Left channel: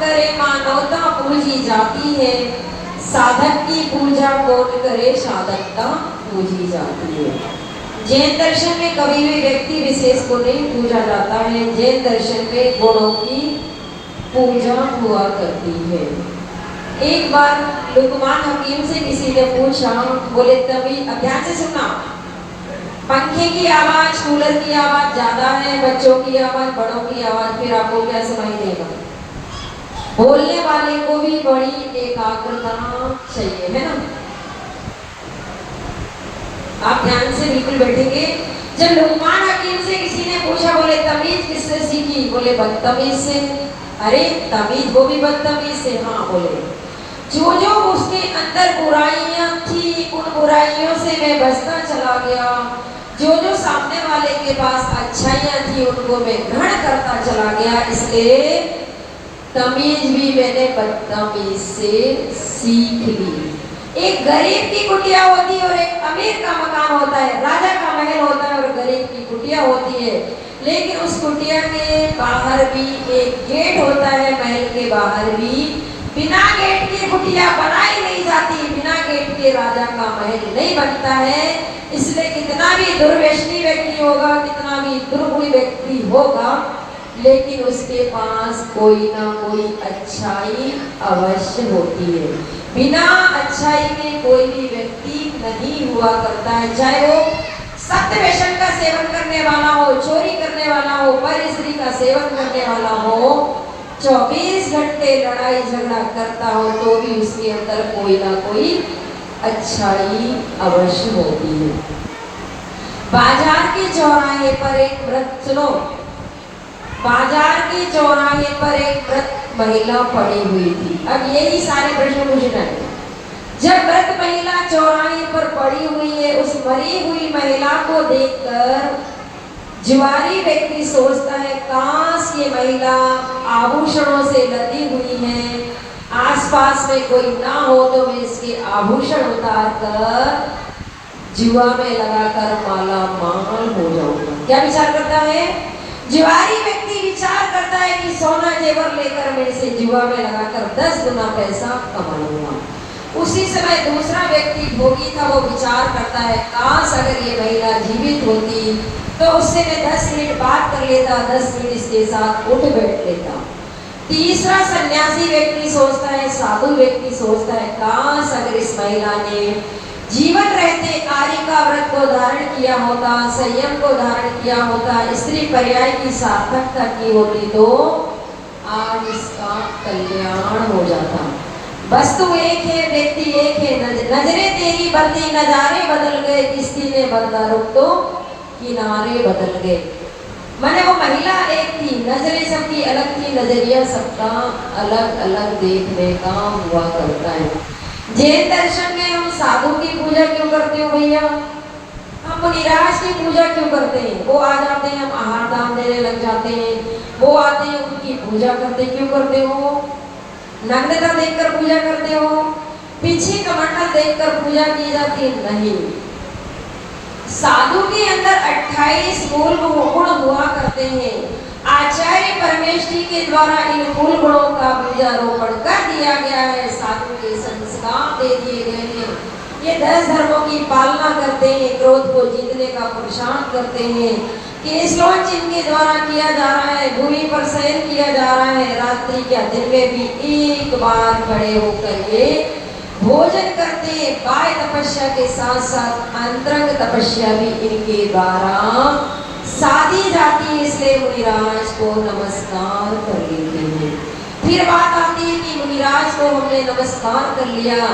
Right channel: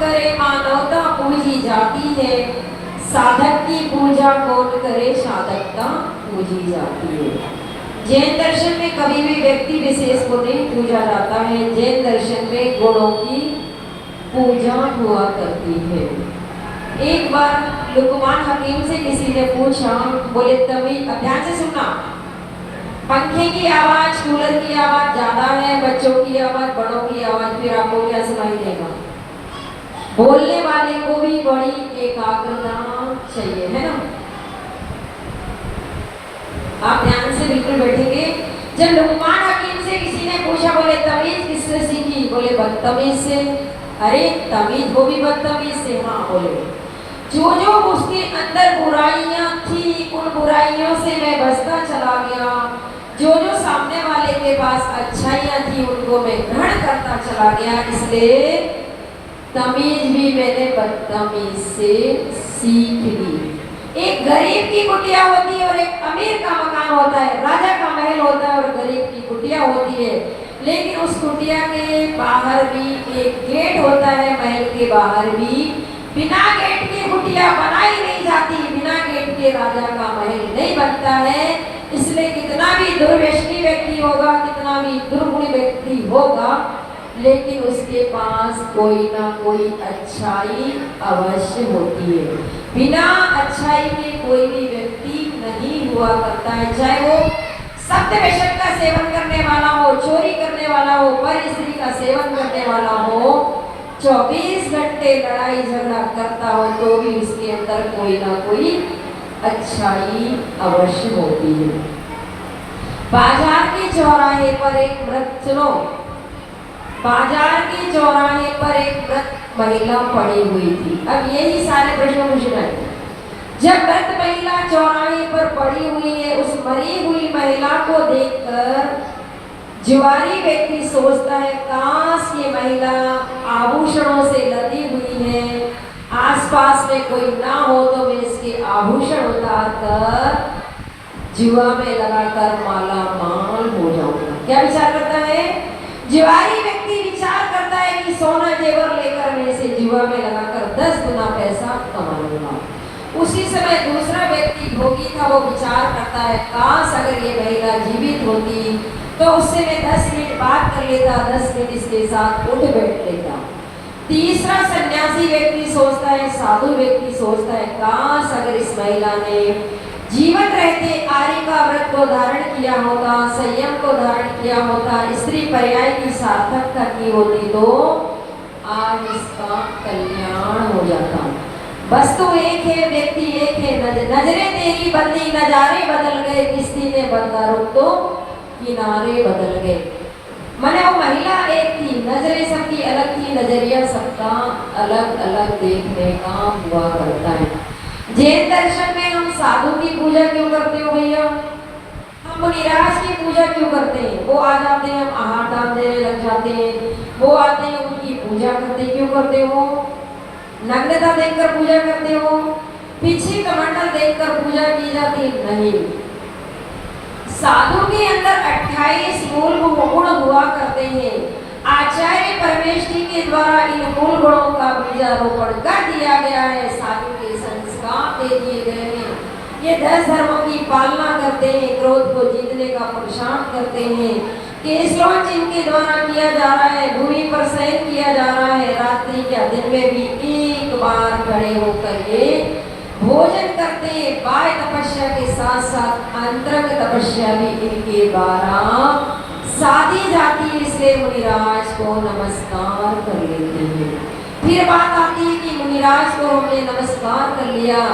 करे मानवता पूजी जाती है, साधक की पूजा कौन करे साधकता पूजी जाती है। जैन दर्शन में कभी भी व्यक्ति विशेष को नहीं पूजा जाता है, जैन दर्शन में गुणों की पूजा हुआ करती है। एक बार लुकमान हकीम से किसी ने पूछा, बोले तभी ध्यान से सुनना, पंखे की आवाज, कूलर की आवाज ज्यादा है, बच्चों की आवाज, बड़ों की आवाज, फिर आपको क्या सुनाई देगा? बोलने वाले को भी बड़ी एकाग्रता चाहिए, है ना? आप ध्यान से बिल्कुल बैठेंगे। जब लुकमान हकीम से किसी ने पूछा, बोले तमीज किससे सीखी? बोले बदतमीज से। अरे तमीज वो भी बदतमीज से? हाँ। बोले जो जो उसके अंदर बुराइयां थी, उन बुराइयों से मैं बचता चला गया, जो जो सामने वाले के पास अच्छाइयां थी उनको मैं ग्रहण करता चला गया, इसलिए तमीज भी मैंने बदतमीज से सीख ली। एक गरीब की कुटिया होती है और एक अमीर का मकान होता है, राजा का महल होता है और गरीब की कुटिया होती है, लेकिन उस कुटिया के बाहर भी एक गेट होता है, महल के बाहर भी। बिना गेट के कुटिया बनाई नहीं जाती, बिना गेट के राजा का महल नहीं बनता है। इसलिए कितना भी दुर्व्यसनी व्यक्ति होगा, कितना भी दुर्गुणी व्यक्ति होगा, लेकिन उसके पास कोई ना कोई अच्छाई अवश्य होती है। बिना अच्छाई के कोई भी व्यक्ति नहीं हुआ करता है, चाहे वो सत्य व्यसन का सेवन करने वाला हो, चोरी करने वाला हो, पर स्त्री का सेवन करने वाला हो, 24 घंटे लड़ाई झगड़ा करता हो, तो भी उसके अंदर कोई ना कोई अच्छाई अवश्य होती है। बाजार के चौराहे पर एक वृद्ध, सुनो, बाजार के चौराहे पर एक वृद्ध महिला पड़ी हुई थी। अब यही सारे प्रश्न पूछना है। जब वृद्ध महिला चौराहे पर पड़ी हुई है, उस मरी हुई महिला को देखकर जुआरी व्यक्ति सोचता है, काश ये महिला आभूषणों से लदी हुई है, आसपास में कोई ना हो तो मैं इसके आभूषण उतार कर जुआ में लगाकर माला माल हो जाऊंगा। क्या विचार करता है? जुआरी व्यक्ति विचार करता है कि सोना जेवर लेकर मैं इसे जुआ में लगाकर 10 गुना पैसा कमा लूंगा। उसी समय दूसरा व्यक्ति भोगी था, वो विचार करता है, काश अगर ये महिला जीवित होती तो उससे मैं 10 मिनट बात कर लेता, 10 मिनट इसके साथ उठ बैठ लेता। तीसरा सन्यासी व्यक्ति सोचता है, साधु व्यक्ति सोचता है, काश अगर इस महिला ने जीवन रहते आर्य का व्रत को धारण किया होता, संयम को धारण किया होता, स्त्री पर्याय की सार्थकता की होती, तो आज इसका कल्याण हो जाता। वस्तु एक है, व्यक्ति एक है, नजरें तेरी बदली, नजारे बदल गए, किस्ती ने बदला रुख तो किनारे बदल गए। मैंने वो महिला एक थी, नजरें सबकी अलग थी, नजरिया सबका अलग अलग देखने का हुआ करता है। जैन दर्शन में हम साधु की पूजा क्यों करते हो भैया? हम मुनिराज की पूजा क्यों करते हैं? वो आ जाते हैं, हम आहार दान देने लग जाते हैं, वो आते हैं, उनकी पूजा करते क्यों करते हो? नग्नता देखकर पूजा करते हो? पीछे कमंडल देखकर पूजा की जाती है? नहीं। साधु के अंदर 28 मूल गुण हुआ करते हैं। आचार्य परमेष्ठी के द्वारा इन मूल गुणों का बीजारोपण कर दिया गया है, साधु के संस्कार दे दिए गए हैं। ये 10 धर्मों की पालना करते हैं, क्रोध को जीतने का पुरुषार्थ करते हैं, केशलोच इनके द्वारा किया जा रहा है, भूमि पर शयन किया जा रहा है, रात्रि या दिन में भी एक बार खड़े होकर ये भोजन करते हैं। बाह्य तपस्या के साथ साथ अंतरंग तपस्या भी इनके द्वारा साधी जाती है, इसलिए मुनिराज को नमस्कार कर लेते हैं। फिर बात आती है कि मुनिराज को हमने नमस्कार कर लिया,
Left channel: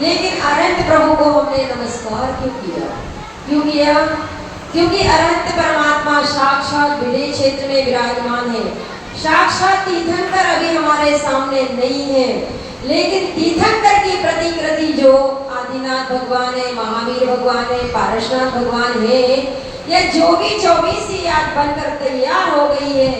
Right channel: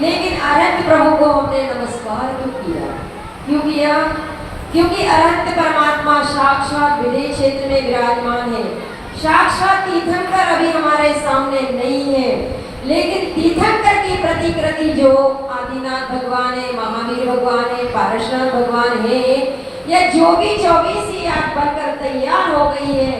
लेकिन अनंत प्रभु को हमने नमस्कार क्यों किया? क्यों किया? क्योंकि अनंत परमात्मा साक्षात विदेह क्षेत्र में विराजमान है। साक्षात तीर्थंकर अभी हमारे सामने नहीं है, लेकिन तीर्थंकर की प्रतिकृति जो आदिनाथ भगवान है, महावीर भगवान है, पारशुराम भगवान है, यह जो भी 24 ही आज बनकर तैयार हो गई है,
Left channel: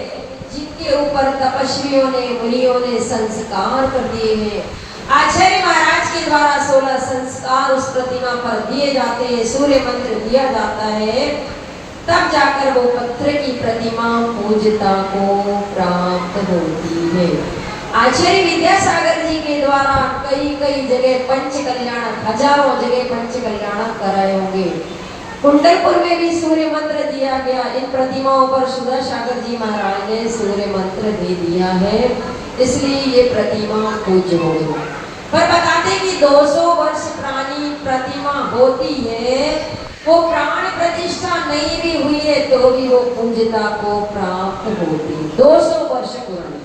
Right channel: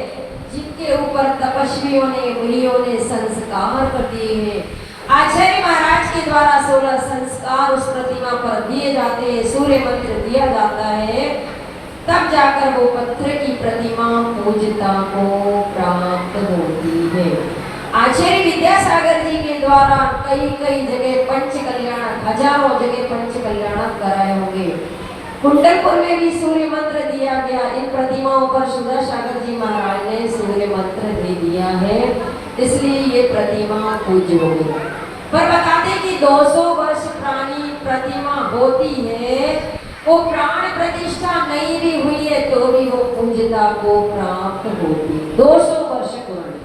जिनके ऊपर तपस्वियों ने, मुनियों ने संस्कार कर दिए हैं। आचार्य महाराज के द्वारा 16 संस्कार उस प्रतिमा पर दिए जाते हैं, सूर्य मंत्र दिया जाता है, तब जाकर वो पत्थर की प्रतिमा पूज्यता को प्राप्त होती है। आचार्य विद्यासागर जी के द्वारा कई कई जगह पंच कल्याण, हजारों जगह पंच कल्याण कराए होंगे। कुंडलपुर में भी सूर्य मंत्र दिया गया। इन प्रतिमाओं पर सुधासागर जी महाराज ने सूर्य मंत्र दे दिया है, इसलिए ये प्रतिमा पूज्य हो गई। पर बताते कि 200 वर्ष पुरानी प्रतिमा होती है, वो प्राण प्रतिष्ठा नहीं भी हुई है तो भी वो पूज्यता को प्राप्त होती, 200 वर्ष पुरानी।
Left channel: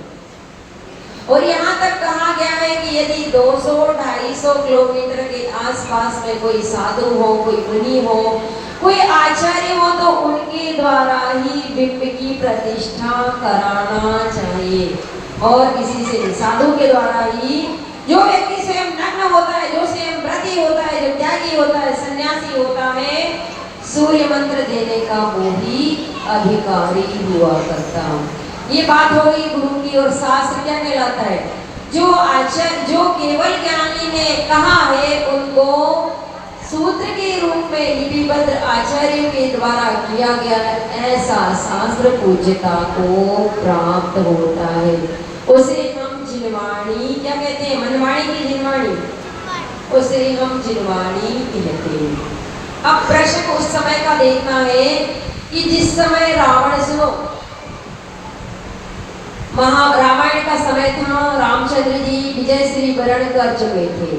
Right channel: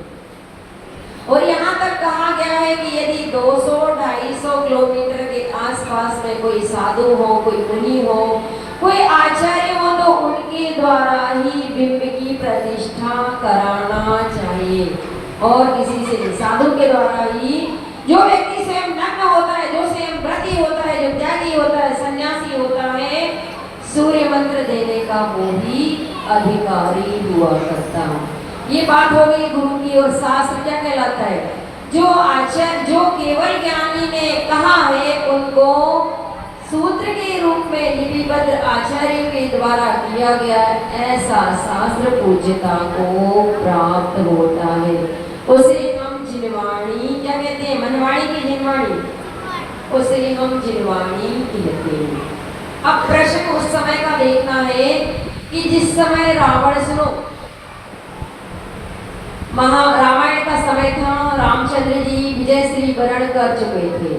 और यहाँ तक कहा गया है कि यदि 200-250 किलोमीटर के आसपास में कोई साधु हो, कोई मुनि हो, कोई आचार्य हो, तो उनके द्वारा ही बिंब की प्रतिष्ठा कराना चाहिए। और किसी से भी साधु के द्वारा ही, जो व्यक्ति स्वयं नग्न होता है, जो स्वयं व्रती होता है, जो त्यागी होता है, सन्यासी होता है, सूर्य मंत्र देने का वो ही अधिकारी हुआ करता है। ये बात हो गई गुरु की। और शास्त्र क्या कहलाता है? जो आचार्य, जो केवल ज्ञानी ने कहा है, उनको सूत्र के रूप में लिपिबद्ध आचार्य के द्वारा किया गया ऐसा शास्त्र पूज्यता को प्राप्त होता है। उसे हम जिनवाणी क्या कहते हैं? मनवाणी की जिनवाणी, उसे हम जिनवाणी कहते हैं। अब प्रश्न उस समय का देखना है कि जिस समय रावण, सुनो, रामायण का समय था, रामचंद्र जी विजय श्री वरण कर चुके थे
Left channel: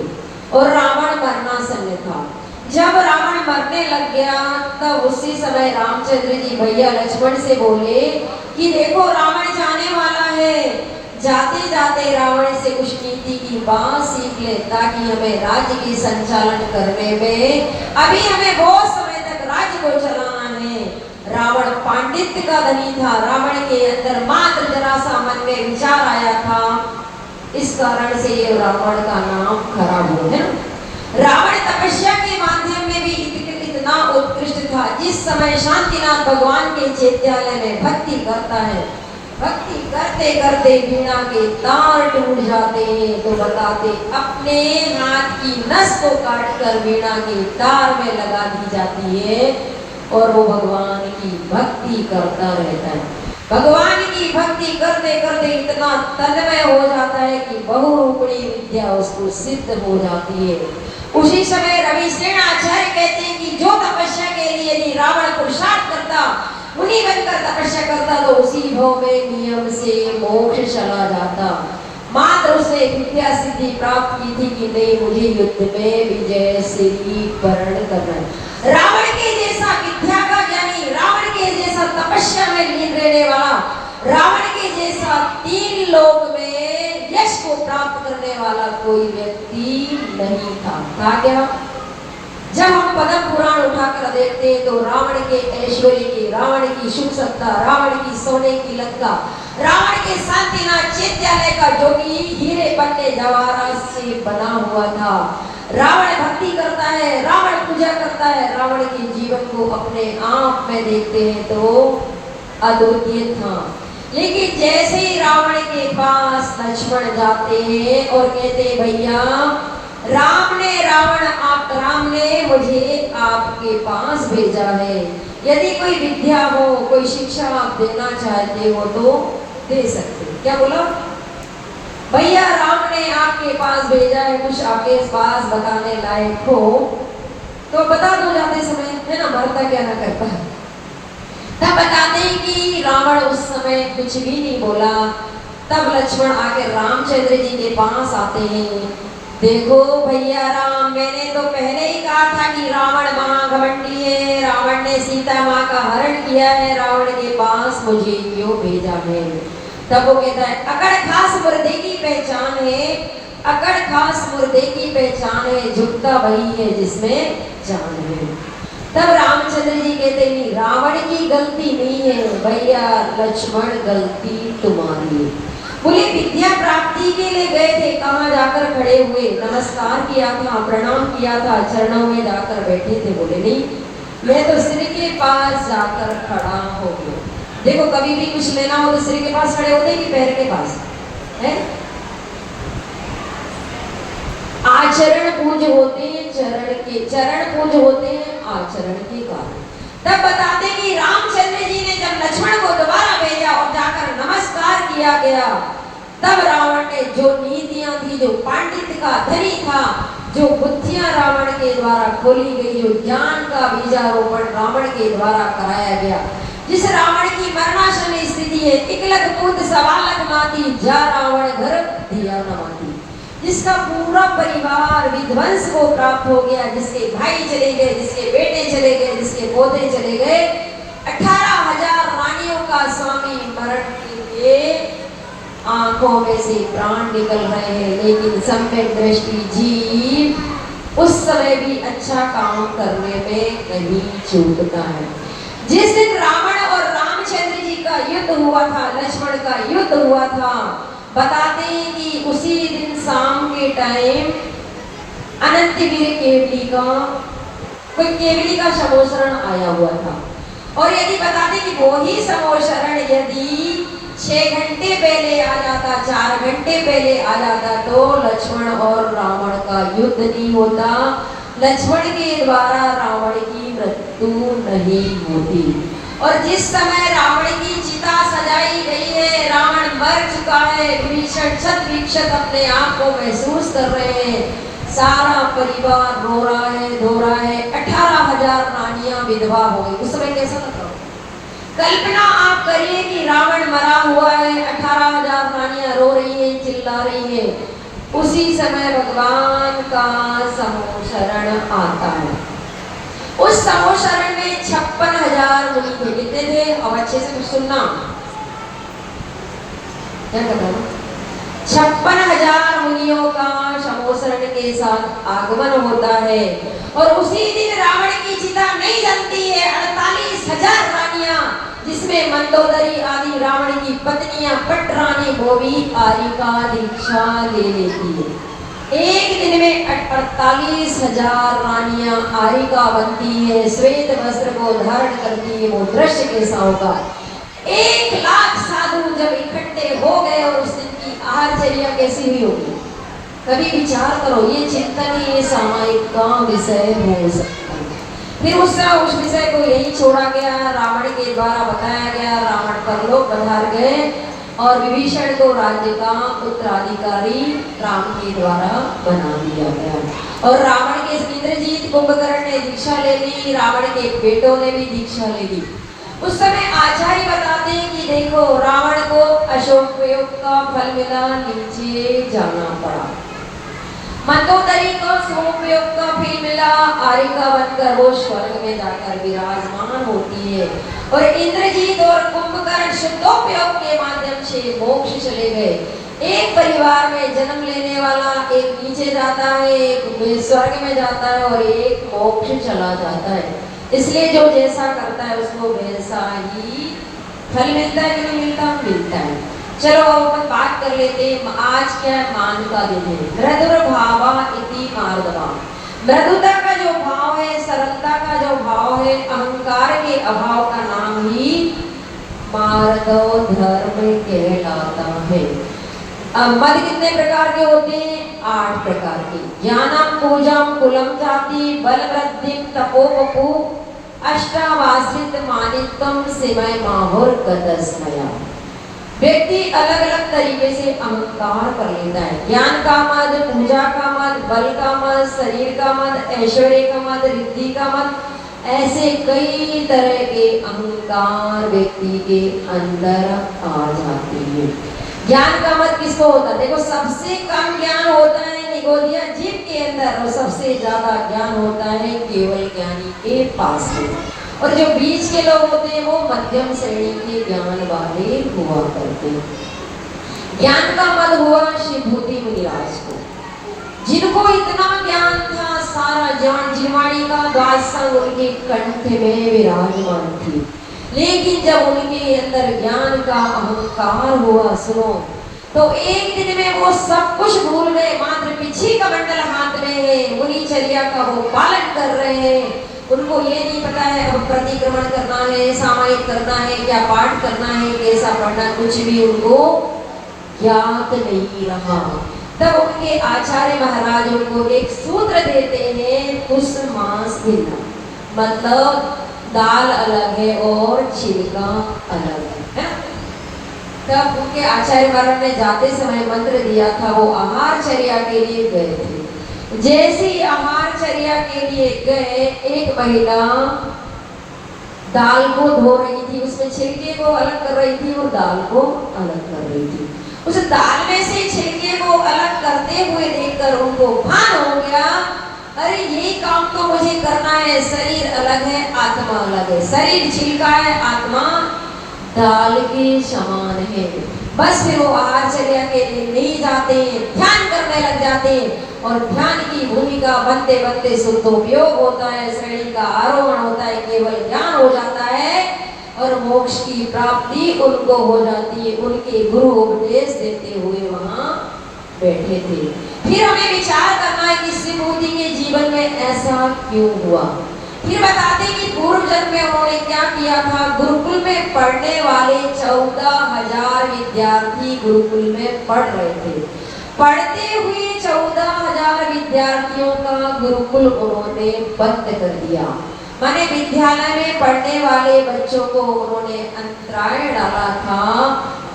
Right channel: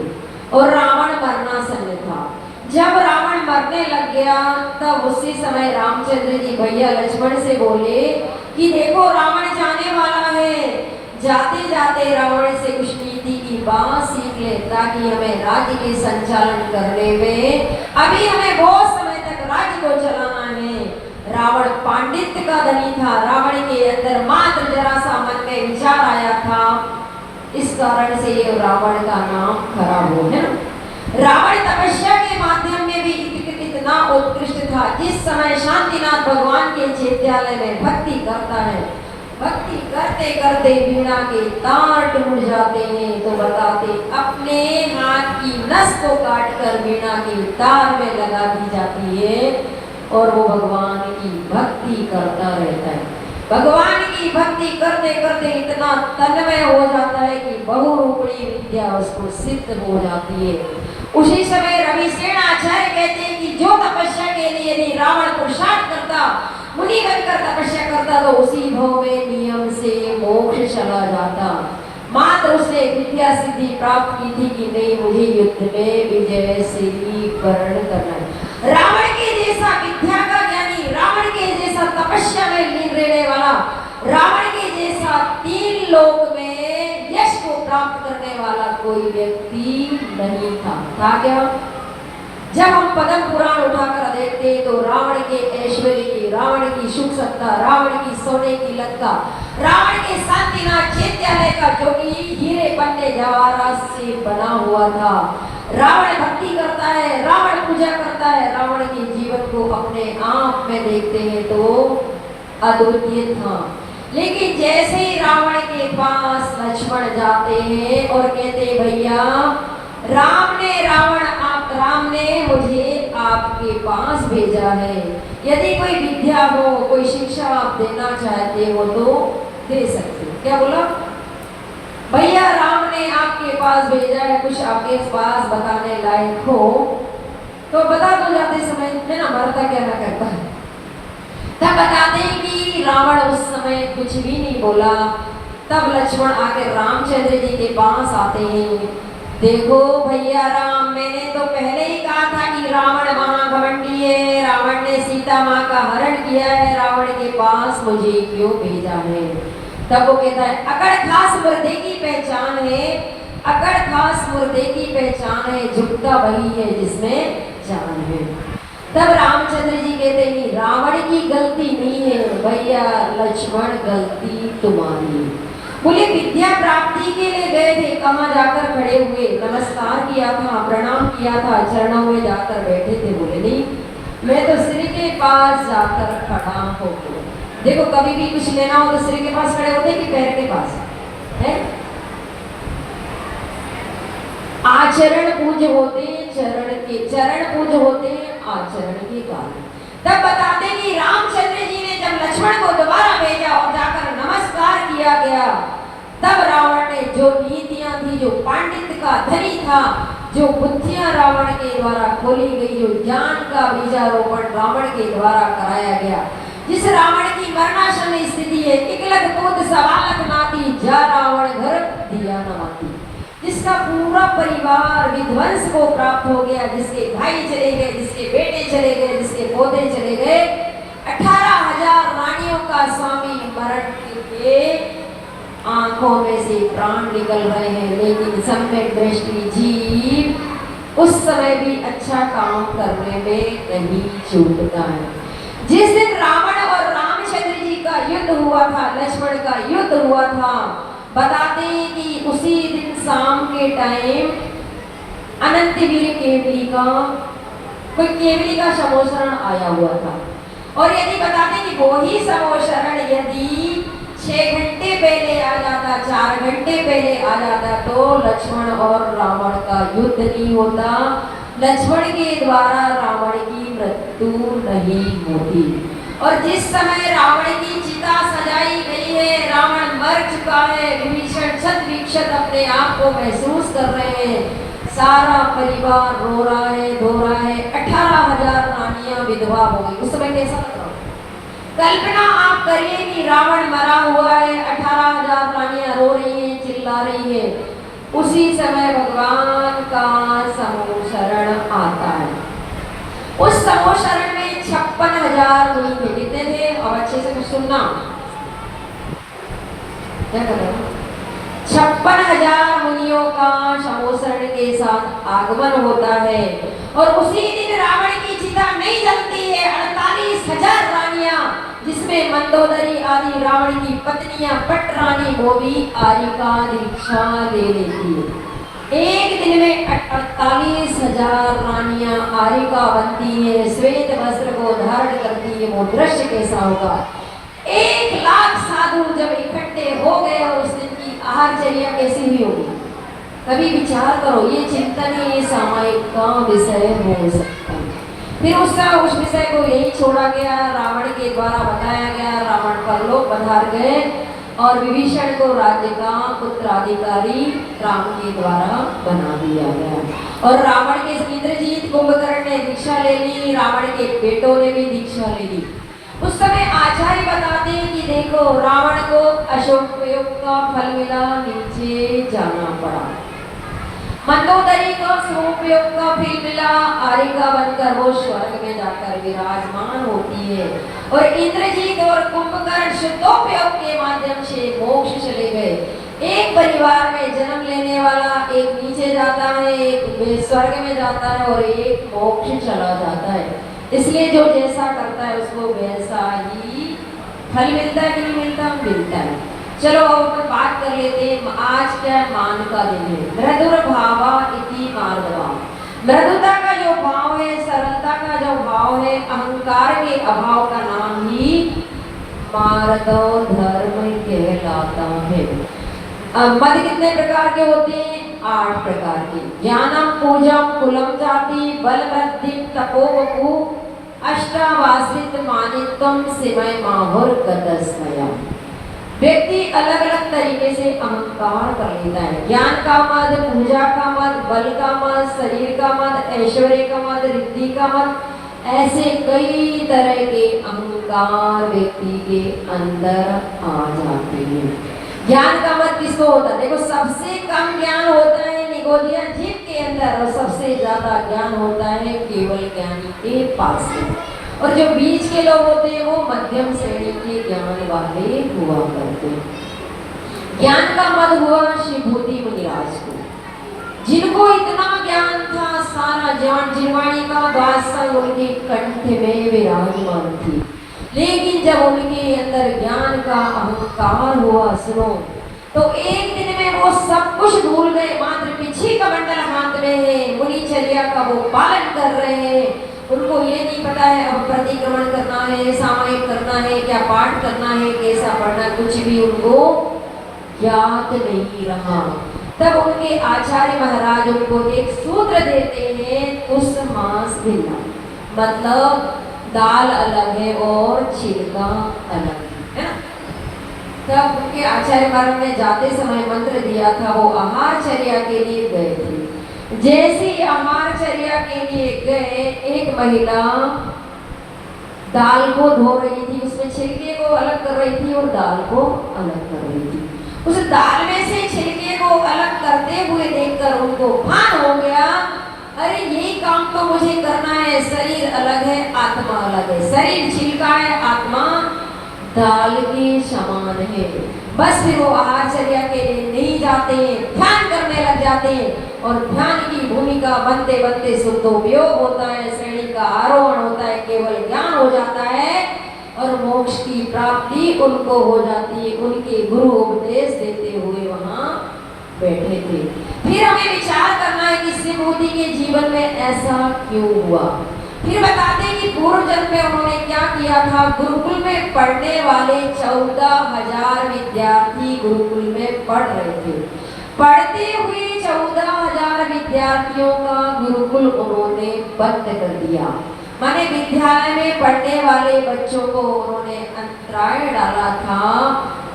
और रावण मरणासन्न था। जब रावण मरने लग गया तब उसी समय रामचंद्र जी भैया लक्ष्मण से बोले कि देखो रावण जाने वाला है, जाते जाते रावण से कुछ नीति की बात सीख ले, ताकि हमें राज्य की संचालन करने में, अभी हमें बहुत समय तक राज्य को चलाना है। रावण पांडित्य का धनी था, रावण के अंदर मात्र जरा सा मन में विचार आया था, इस कारण से रावण का नाम खराब हो गया। रावण तपस्या के माध्यम में भी इतना उत्कृष्ट था। जिस समय शांतिनाथ भगवान के चैत्यालय में भक्ति करता है, भक्ति करते करते वीणा के तार टूट जाते हैं, तो बताते अपने हाथ की नस को काट कर वीणा के तार में लगा दी जाती है और वो भगवान की भक्ति करता रहता है। भगवान की भक्ति करते करते इतना तन्मय हो जाता है कि बहुरूपणी विद्या उसको सिद्ध हो जाती है। उसी समय रविसेन आचार्य कहते हैं कि जो तपस्या के लिए यदि रावण पुरुषार्थ करता, मुनि बनकर तपस्या करता, तो उसी भाव में नियम से मोक्ष चला जाता। मात्र उसने विद्या सिद्धि प्राप्त की थी कि नहीं, मुझे युद्ध में विजय श्री वरण करना है। रावण के जैसा विद्या का ज्ञानी, रावण के जैसा तपस्या में लीन रहने वाला, रावण के जैसा 3 लोक में यश को प्राप्त करने वाला कोई व्यक्ति नहीं था। क्या? जब हम पद्म पुराण उठाकर देखते हैं तो रावण के ऐश्वर्य की, रावण की सुख सत्ता, रावण की सोने की लंका, रावण के शांतिनाथ चैत्यालय का जो कि हीरे पन्ने जवाहरात से बना हुआ था, रावण भक्ति करता है, रावण पूजा करता है, रावण के जीवन को अपने आप में देखते हैं तो अद्वितीय था। लेकिन जैसे ही रावण के पास लक्ष्मण जाते हैं और कहते भैया राम ने मुझे आपके पास भेजा है, यदि कोई विद्या हो, कोई शिक्षा आप देना चाहते हो तो दे सकते। क्या बोला? भैया राम ने आपके पास भेजा है, कुछ आपके पास बताने लायक हो तो बता दो, जाते समय में ना मरता क्या ना करता है। तब बताते हैं कि रावण उस समय कुछ भी नहीं बोला। तब लक्ष्मण आकर रामचंद्र जी के पास आते हैं। देखो भैया राम, मैंने तो पहले ही कहा था कि रावण महाघमंडी है, रावण ने सीता माँ का हरण किया है, रावण के पास मुझे क्यों भेजा है? तब वो कहता है अकड़ खास मुर्दे की पहचान है, अकड़ खास मुर्दे की पहचान है, झुकता वही है जिसमें जान है। तब रामचंद्र जी कहते नहीं, रावण की गलती नहीं है भैया, लक्ष्मण गलती तुम्हारी। बोले विद्या प्राप्ति के लिए गए थे, कहाँ जाकर खड़े हुए, नमस्कार किया था, प्रणाम किया था, चरणों में जाकर बैठे थे। बोले नहीं, मैं तो सिर के पास जाकर खड़ा हो गया। देखो कभी भी कुछ लेना हो तो सिर के पास खड़े होते कि पैर के पास है? आचरण पूज होते हैं चरण पूज होते हैं आचरण के कारण। तब बताते कि रामचंद्र जी ने जब लक्ष्मण को दोबारा भेजा और जाकर नमस्कार किया गया, तब रावण ने जो नीतियां थी, जो पांडित्य का धनी था, जो बुद्धियां रावण के द्वारा खोली गई, जो ज्ञान का बीजारोपण रावण के द्वारा कराया गया, जिस रावण की मरणासन स्थिति है, इकलग पुत सवालक माती, जा रावण घर दिया न माती, जिसका पूरा परिवार विध्वंस को प्राप्त हो गया, जिसके भाई चले गए, जिसके बेटे चले गए, जिसके पोते चले गए, 18,000 रानियों का स्वामी मरण के आंखों में से प्राण निकल रहे हैं, लेकिन सम्यक दृष्टि जीव उस समय भी अच्छा काम करने में नहीं चूकता है। जिस दिन रावण और रामचंद्र जी का युद्ध हुआ था, लक्ष्मण का युद्ध हुआ था, बताते हैं कि उसी दिन शाम के टाइम अनंतवीर केवली का कोई केवली का समोशरण आया हुआ था, और यदि बताते कि वो ही समोशरण यदि 6 घंटे पहले आ जाता, 4 घंटे पहले आ जाता, तो लक्ष्मण और रावण का युद्ध नहीं होता, लक्ष्मण के द्वारा रावण की मृत्यु नहीं होती। और जिस समय रावण की चिता सजाई गई है, रावण मर चुका है, विभीषण शत विक्षत अपने आप को महसूस कर रहे हैं, सारा परिवार रो रहा है, धो रहा है, 18,000 रानियां विधवा हो गई। उस समय कैसा लग रहा? कल्पना आप करिए कि रावण मरा हुआ है, 18,000 रानियां रो रही है, चिल्ला रही है। उसी समय भगवान का समोशरण आता है। उस समोशरण में 56,000 मुनि थे। कितने थे? अब अच्छे से कुछ सुनना, क्या कर रहा हूं? 56,000 मुनियों का समोशरण के साथ आगमन होता है, और उसी दिन रावण की चिता नहीं जलती है। 48,000 रानियां, जिसमें मंदोदरी आदि रावण की पत्नियां पटरानी वो भी आदि का दीक्षा ले लेती है। एक दिन में 48,000 रानियां आरिका बनती है, श्वेत वस्त्र को धारण करती है। वो दृश्य कैसा होगा? 1,00,000 साधु जब इकट्ठे हो गए, और उस दिन की आहारचर्या कैसी हुई होगी? कभी विचार करो, ये चिंतन ही सामायिक का विषय हो सकता है। फिर उस विषय को यही छोड़ा गया, रावण के द्वारा बताया गया, रावण परलोक पधार गए, और विभीषण को राज्य का उत्तराधिकारी राम के द्वारा बना दिया गया। और रावण के इंद्रजीत कुंभकर्ण ने दीक्षा ले ली, रावण के बेटों ने भी दीक्षा ले ली। उस समय आचार्य बताते हैं कि देखो, रावण को अशोक प्रयोग का फल मिला, नीचे जाना पड़ा। मंदोदरी को शुभोपयोग का फल मिला, आरिका बनकर वो स्वर्ग में जाकर विराजमान होती है। और इंद्रजीत और कुंभकर्ण शुद्धोपयोग के माध्यम से मोक्ष चले गए। एक परिवार में जन्म लेने वाला एक नीचे जाता है, एक स्वर्ग में जाता है, और एक मोक्ष चला जाता है। इसलिए जो जैसा करता है उसको वैसा ही फल मिलता है कि नहीं मिलता? मिलता है। चलो अब अपन बात कर लेते हैं, आज क्या मान का दिन है। मृदुर भावा इति मार्दवा। मृदुता का जो भाव है, सरलता का जो भाव है, अहंकार के अभाव का नाम ही मार्दव धर्म कहलाता है। मद कितने प्रकार के होते हैं? 8 प्रकार के। ज्ञानम पूजम कुलम जाति बल वृद्धि तपोवपु अष्टावासित मानित्वम सिमय माहुर गतस्मया। व्यक्ति अलग अलग तरीके से अहंकार कर लेता है। ज्ञान का मद, पूजा का मद, बल का मद, शरीर का मद, ऐश्वर्य का मद, रिद्धि का मद, ऐसे कई तरह के अहंकार व्यक्ति के अंदर आ जाते हैं। ज्ञान का मद किसको होता है? देखो, सबसे कम ज्ञान होता है निगोदिया जीव के अंदर, और सबसे ज्यादा ज्ञान होता है केवल ज्ञानी के पास में। और जो बीच के लोग होते हैं वो मध्यम श्रेणी के ज्ञान वाले हुआ करते हैं। ज्ञान का मद हुआ शिवभूति मुनिराज को, जिनको इतना ज्ञान था, सारा ज्ञान जिनवाणी का वासंग उनके कंठ में विराजमान थी। लेकिन जब उनके अंदर ज्ञान का अहंकार हुआ, सुनो, तो एक दिन में वो सब कुछ भूल गए। मात्र पीछे का मंडल हाथ में है, मुनिचर्या का वो पालन कर रहे हैं। उनको ये नहीं पता है अब प्रतिक्रमण करना है, सामायिक करना है, क्या पाठ करना है, कैसा पढ़ना, कुछ भी उनको ज्ञात नहीं रहा। तब उनके आचार्य महाराज उनको एक सूत्र देते हैं, कुश मांस भिन्ना, मतलब दाल अलग है और छिलका अलग है ना? तब उनके आचार्य महाराज ने जाते समय मंत्र दिया था, वो आहार चर्या के लिए गए थे। जैसे ही आहार चर्या के लिए गए, एक महिला दाल को धो रही थी, उसमें छिलके को अलग कर रही थी और दाल को अलग कर रही थी। उस दाल में से छिलके को अलग करते हुए देखकर उनको भान हो गया, अरे ये काम तो मुझे करना है, शरीर अलग है आत्मा अलग है, शरीर छिलका है आत्मा दाल के समान है। बस फिर वो आहारचर्या के लिए नहीं जाते हैं, ध्यान करने लग जाते हैं और ध्यान की भूमिका बनते बनते शुद्धोपयोग होता है, श्रेणी का आरोहण होता है, केवल ज्ञान हो जाता है और मोक्ष की प्राप्ति उनको हो जाती है। उनके गुरु उपदेश देते हुए वहां बैठे थे। फिर हमें विचार करना है कि शिवमूर्ति के जीवन में ऐसा क्यों हुआ। फिर बताते हैं कि पूर्व जन्म में उन्होंने क्या किया था। गुरुकुल में पढ़ने वाले 14,000 विद्यार्थी गुरुकुल में पढ़ रहे थे। पढ़ते हुए 14,000 विद्यार्थियों का गुरुकुल उन्होंने बंद कर दिया। माने विद्यालय में पढ़ने वाले बच्चों को उन्होंने अंतराय डाला था,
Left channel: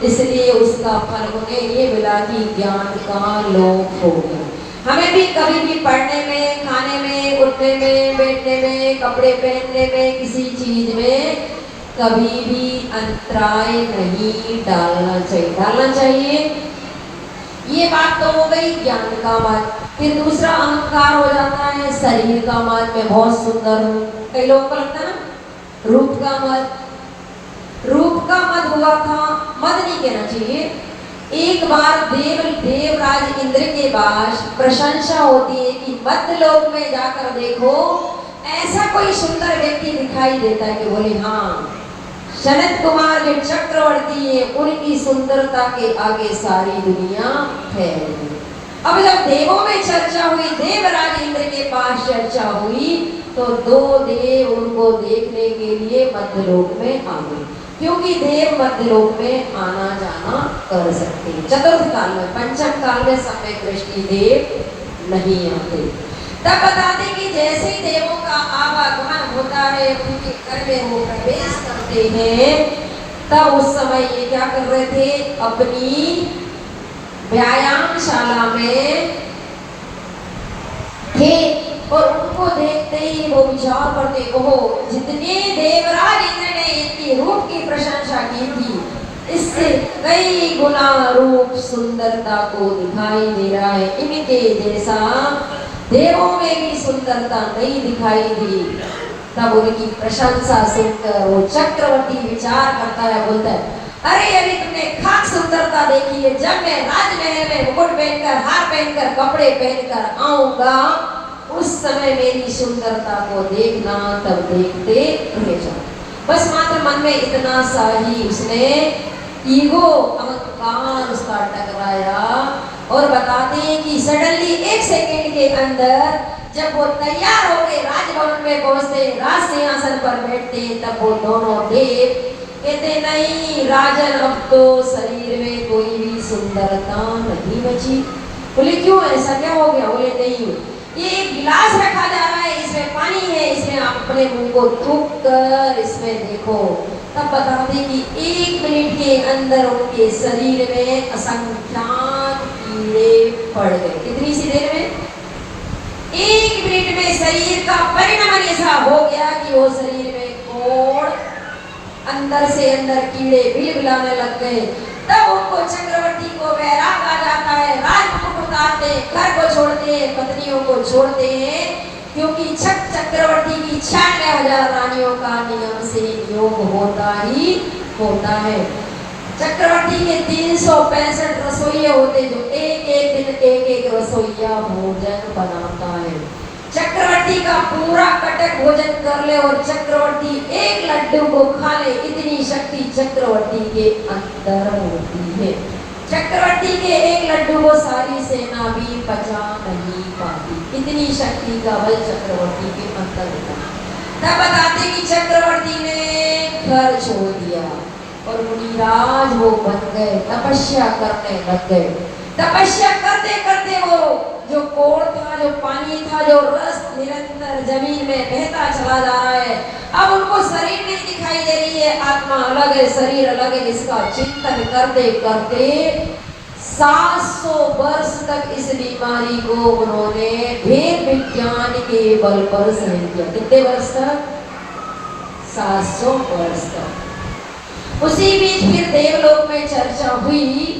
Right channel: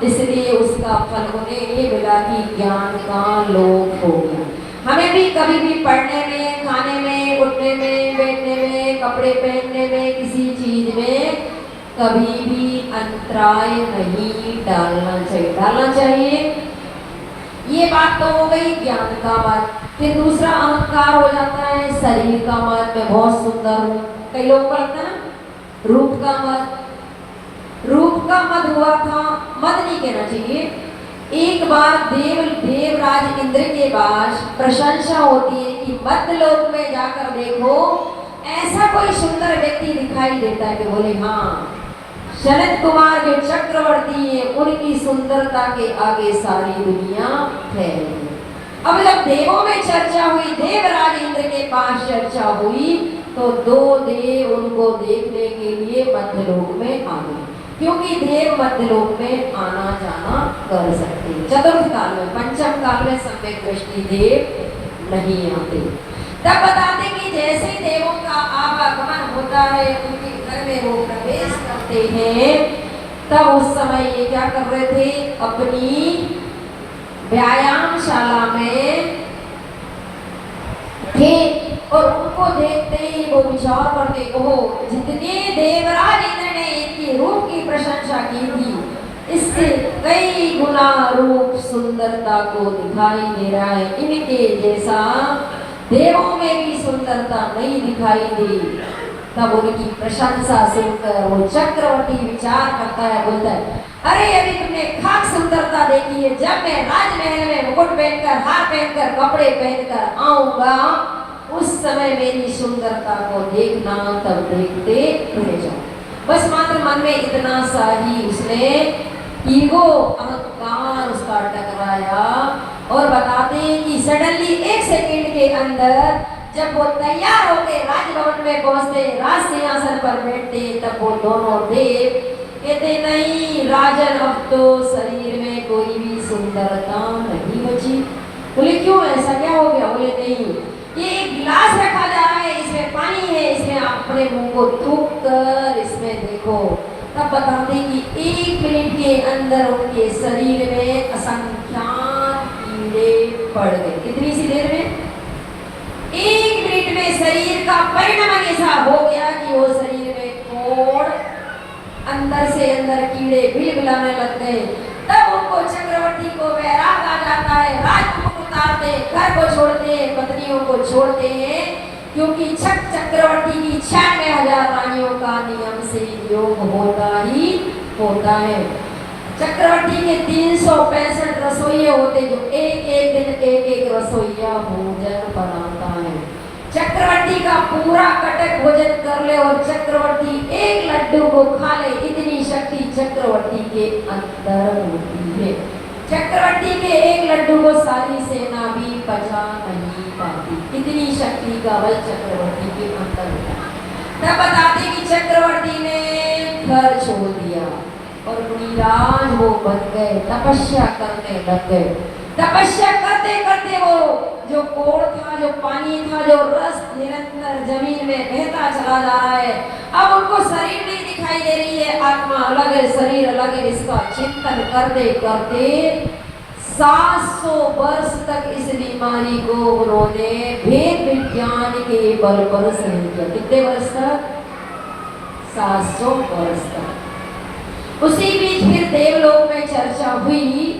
इसलिए उसका फल उन्हें ये मिला कि ज्ञान का लोप हो गया। हमें भी कभी भी पढ़ने में, खाने में, उठने में, बैठने में, कपड़े पहनने में, किसी चीज में कभी भी अंतराय नहीं डालना चाहिए। डालना चाहिए, ये बात तो हो गई ज्ञान का मत। फिर दूसरा अहंकार हो जाता है शरीर का मत, मैं बहुत सुंदर हूँ। कई लोगों को लगता है ना रूप का मत। रूप का मत हुआ था, मत नहीं कहना चाहिए। एक बार देवराज इंद्र के पास प्रशंसा होती है कि मध्यलोक में जाकर देखो, ऐसा कोई सुंदर व्यक्ति दिखाई देता है कि बोले हाँ, सनत कुमार जो चक्रवर्ती है उनकी सुंदरता के आगे सारी दुनिया फैल गई। अब जब देवों में चर्चा हुई, देवराज इंद्र के पास चर्चा हुई, तो 2 देव उनको देखने के लिए मध्यलोक में आ गए, क्योंकि देव मध्यलोक में आना जाना कर सकते हैं। चतुर्थ काल में, पंचम काल में सम्यक दृष्टि देव नहीं आते। तब बताते कि जैसे ही देवों का आवागमन होता है, उनके घर में वो प्रवेश करते हैं, तब उस समय ये क्या कर रहे थे, अपनी व्यायामशाला में थे और उनको देखते ही वो विचार करते, ओहो, जितने देवराज इंद्र ने इनकी रूप की प्रशंसा की थी, इससे कई गुना रूप सुंदरता को दिखाई दे रहा है। इनके जैसा देवों में भी सुंदरता नहीं दिखाई दी। तब उनकी प्रशंसा सुनकर वो चक्रवर्ती विचार करता है, बोलता है, अरे अभी तुमने खाक सुंदरता देखी है, जब मैं राजमहल में मुकुट पहनकर, हार पहनकर, कपड़े पहनकर आऊंगा, उस समय मेरी सुंदरता को देखना, तब देखते रह जाओ। बस मात्र मन में इतना सा ही उसने ईगो, अहंकार उसका टकराया। और बताते हैं कि सडनली 1 सेकंड के अंदर जब वो तैयार होके राजभवन में पहुंचते, राज सिंहासन पर बैठते, तब वो दोनों देव कहते, नहीं राजन, अब तो शरीर में कोई भी सुंदरता नहीं बची। बोले क्यों, ऐसा क्या हो गया? बोले नहीं, ये एक गिलास रखा जा रहा है, इसमें पानी है, इसमें आप अपने मुंह को थूक कर इसमें देखो। तब बताते कि 1 मिनट के अंदर उनके शरीर में असंख्यात कीड़े पड़ गए। कितनी सी देर में? 1 मिनट में शरीर का परिणाम ऐसा हो गया कि वो शरीर में कोड़, अंदर से अंदर कीड़े बिलबिलाने लग गए। तब उनको चक्रवर्ती को वैराग आ जाता है, राजमुकुट उतारते, घर को छोड़ते, पत्नियों को छोड़ते हैं, क्योंकि चक्रवर्ती की 96,000 रानियों का नियम से योग होता ही होता है। चक्रवर्ती के 365 रसोइये होते, जो एक दिन एक रसोइया भोजन बनाता है। चक्रवर्ती का पूरा कटक भोजन कर ले और चक्रवर्ती 1 लड्डू को खा ले, इतनी शक्ति चक्रवर्ती के अंदर होती है। चक्रवर्ती के 1 लड्डू को सारी सेना भी पचा नहीं पाती, इतनी शक्ति का बल चक्रवर्ती के अंदर होता है। तब बताते कि चक्रवर्ती ने घर छोड़ दिया और मुनिराज वो बन गए, तपस्या करने लग गए। तपस्या करते करते वो जो कोड़ था, जो पानी था, जो रस निरंतर जमीन में बहता चला जा रहा है। अब उनको शरीर नहीं दिखाई दे रही है, आत्मा अलग है, शरीर अलग है। इसका चिंतन करते करते 700 वर्ष तक इस बीमारी को उन्होंने भेद विज्ञान के बल पर सहन किया। कितने वर्ष तक? 700 वर्ष तक। उसी बीच फिर देवलोक में चर्चा हुई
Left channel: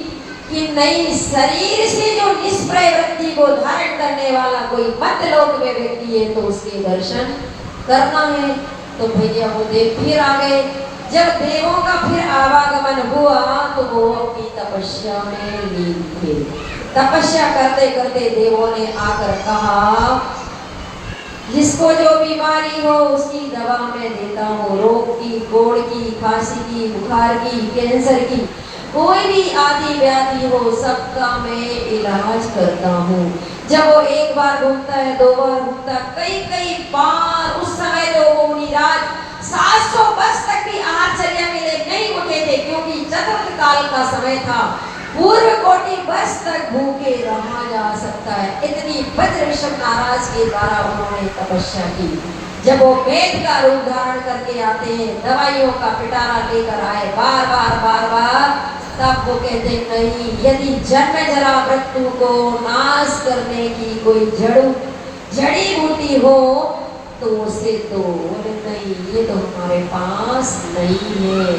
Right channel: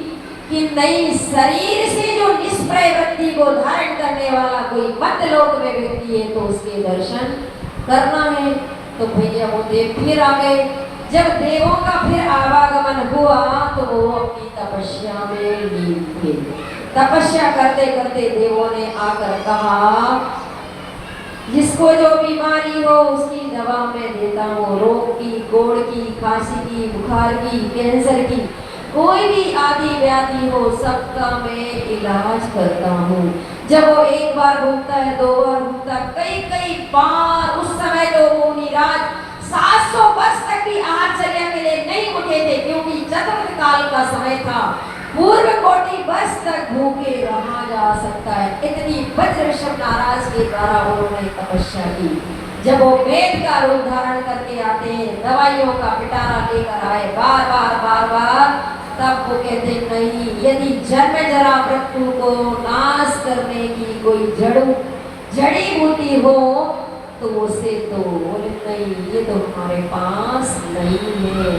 कि नहीं, शरीर से जो निष्प्रय वृत्ति को धारण करने वाला कोई मध्यलोक में व्यक्ति है तो उसके दर्शन करना है। तो भैया वो देव फिर आ गए। जब देवों का फिर आवागमन हुआ तो वो अपनी तपस्या में लीन थे। तपस्या करते करते देवों ने आकर कहा, जिसको जो बीमारी हो उसकी दवा मैं देता हूँ, रोग की, कोढ़ की, खांसी की, बुखार की, कैंसर की, कोई भी आदि व्याधि हो सबका मैं इलाज करता हूँ। जब वो एक बार घूमता है, 2 बार घूमता, कई बार, उस समय तो वो मुनिराज 700 वर्ष तक भी आश्चर्य में नहीं उठे थे, क्योंकि चतुर्थ काल का समय था। पूर्व कोटि वर्ष तक भूखे रहा जा सकता है। इतनी वज्र ऋषभ महाराज के द्वारा उन्होंने तपस्या की। जब वो वेद का रूप धारण करके आते हैं, दवाइयों का पिटारा लेकर आए बार, तब वो कहते नहीं, यदि जन्म जरा मृत्यु को नाश करने की कोई जड़ी बूटी हो तो उसे तो नहीं, ये तो हमारे पास नहीं है।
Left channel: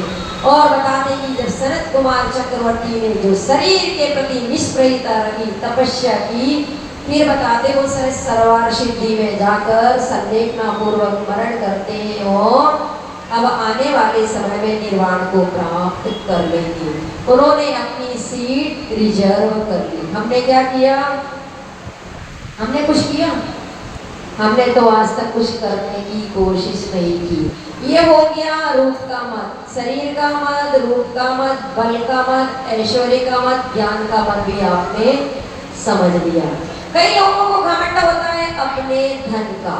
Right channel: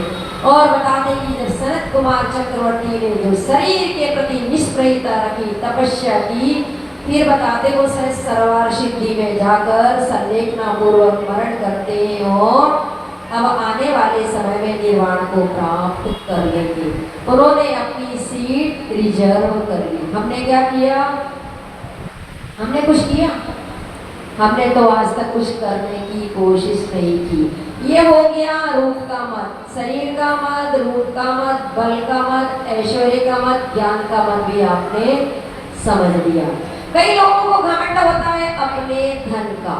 और बताते कि जब सनत कुमार चक्रवर्ती ने जो शरीर के प्रति निष्प्रयता रखी, तपस्या की, फिर बताते वो सरोवर सिद्धि में जाकर संलेखना पूर्वक मरण करते हैं और अब आने वाले समय में निर्वाण को प्राप्त कर लेंगे। उन्होंने अपनी सीट रिजर्व कर ली। हमने क्या किया? हमने कुछ किया? हमने तो आज तक कुछ करने की कोशिश नहीं की। ये हो गया रूप का मत, शरीर का मत, रूप का मत, बल का मत, ऐश्वर्य का मत, ज्ञान का मत भी आपने समझ लिया। कई लोगों को घमंड होता है अपने धन का।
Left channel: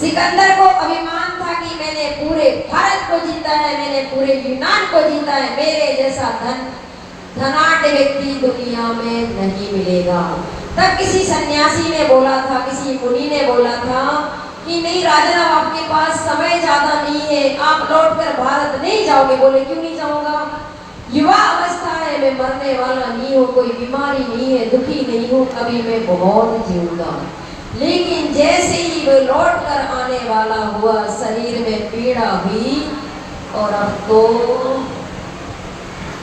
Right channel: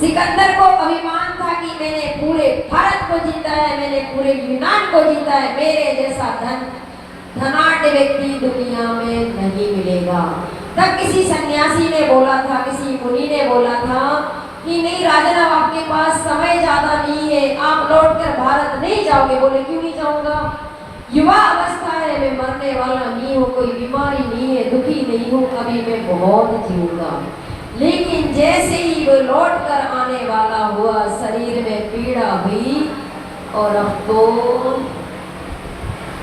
सिकंदर को अभिमान था कि मैंने पूरे भारत को जीता है, मैंने पूरे यूनान को जीता है, मेरे जैसा धनाढ्य व्यक्ति दुनिया में नहीं मिलेगा। तब किसी सन्यासी ने बोला था, किसी मुनि ने बोला था कि नहीं राजन, अब आपके पास समय ज्यादा नहीं है, आप लौटकर भारत नहीं जाओगे। बोले क्यों नहीं जाऊंगा? युवा अवस्था है, मैं मरने वाला नहीं हूँ, कोई बीमारी नहीं है, दुखी नहीं हूँ, अभी मैं बहुत जीऊंगा। लेकिन जैसे ही वो लौट कर आने वाला हुआ, शरीर में पीड़ा हुई और अब तो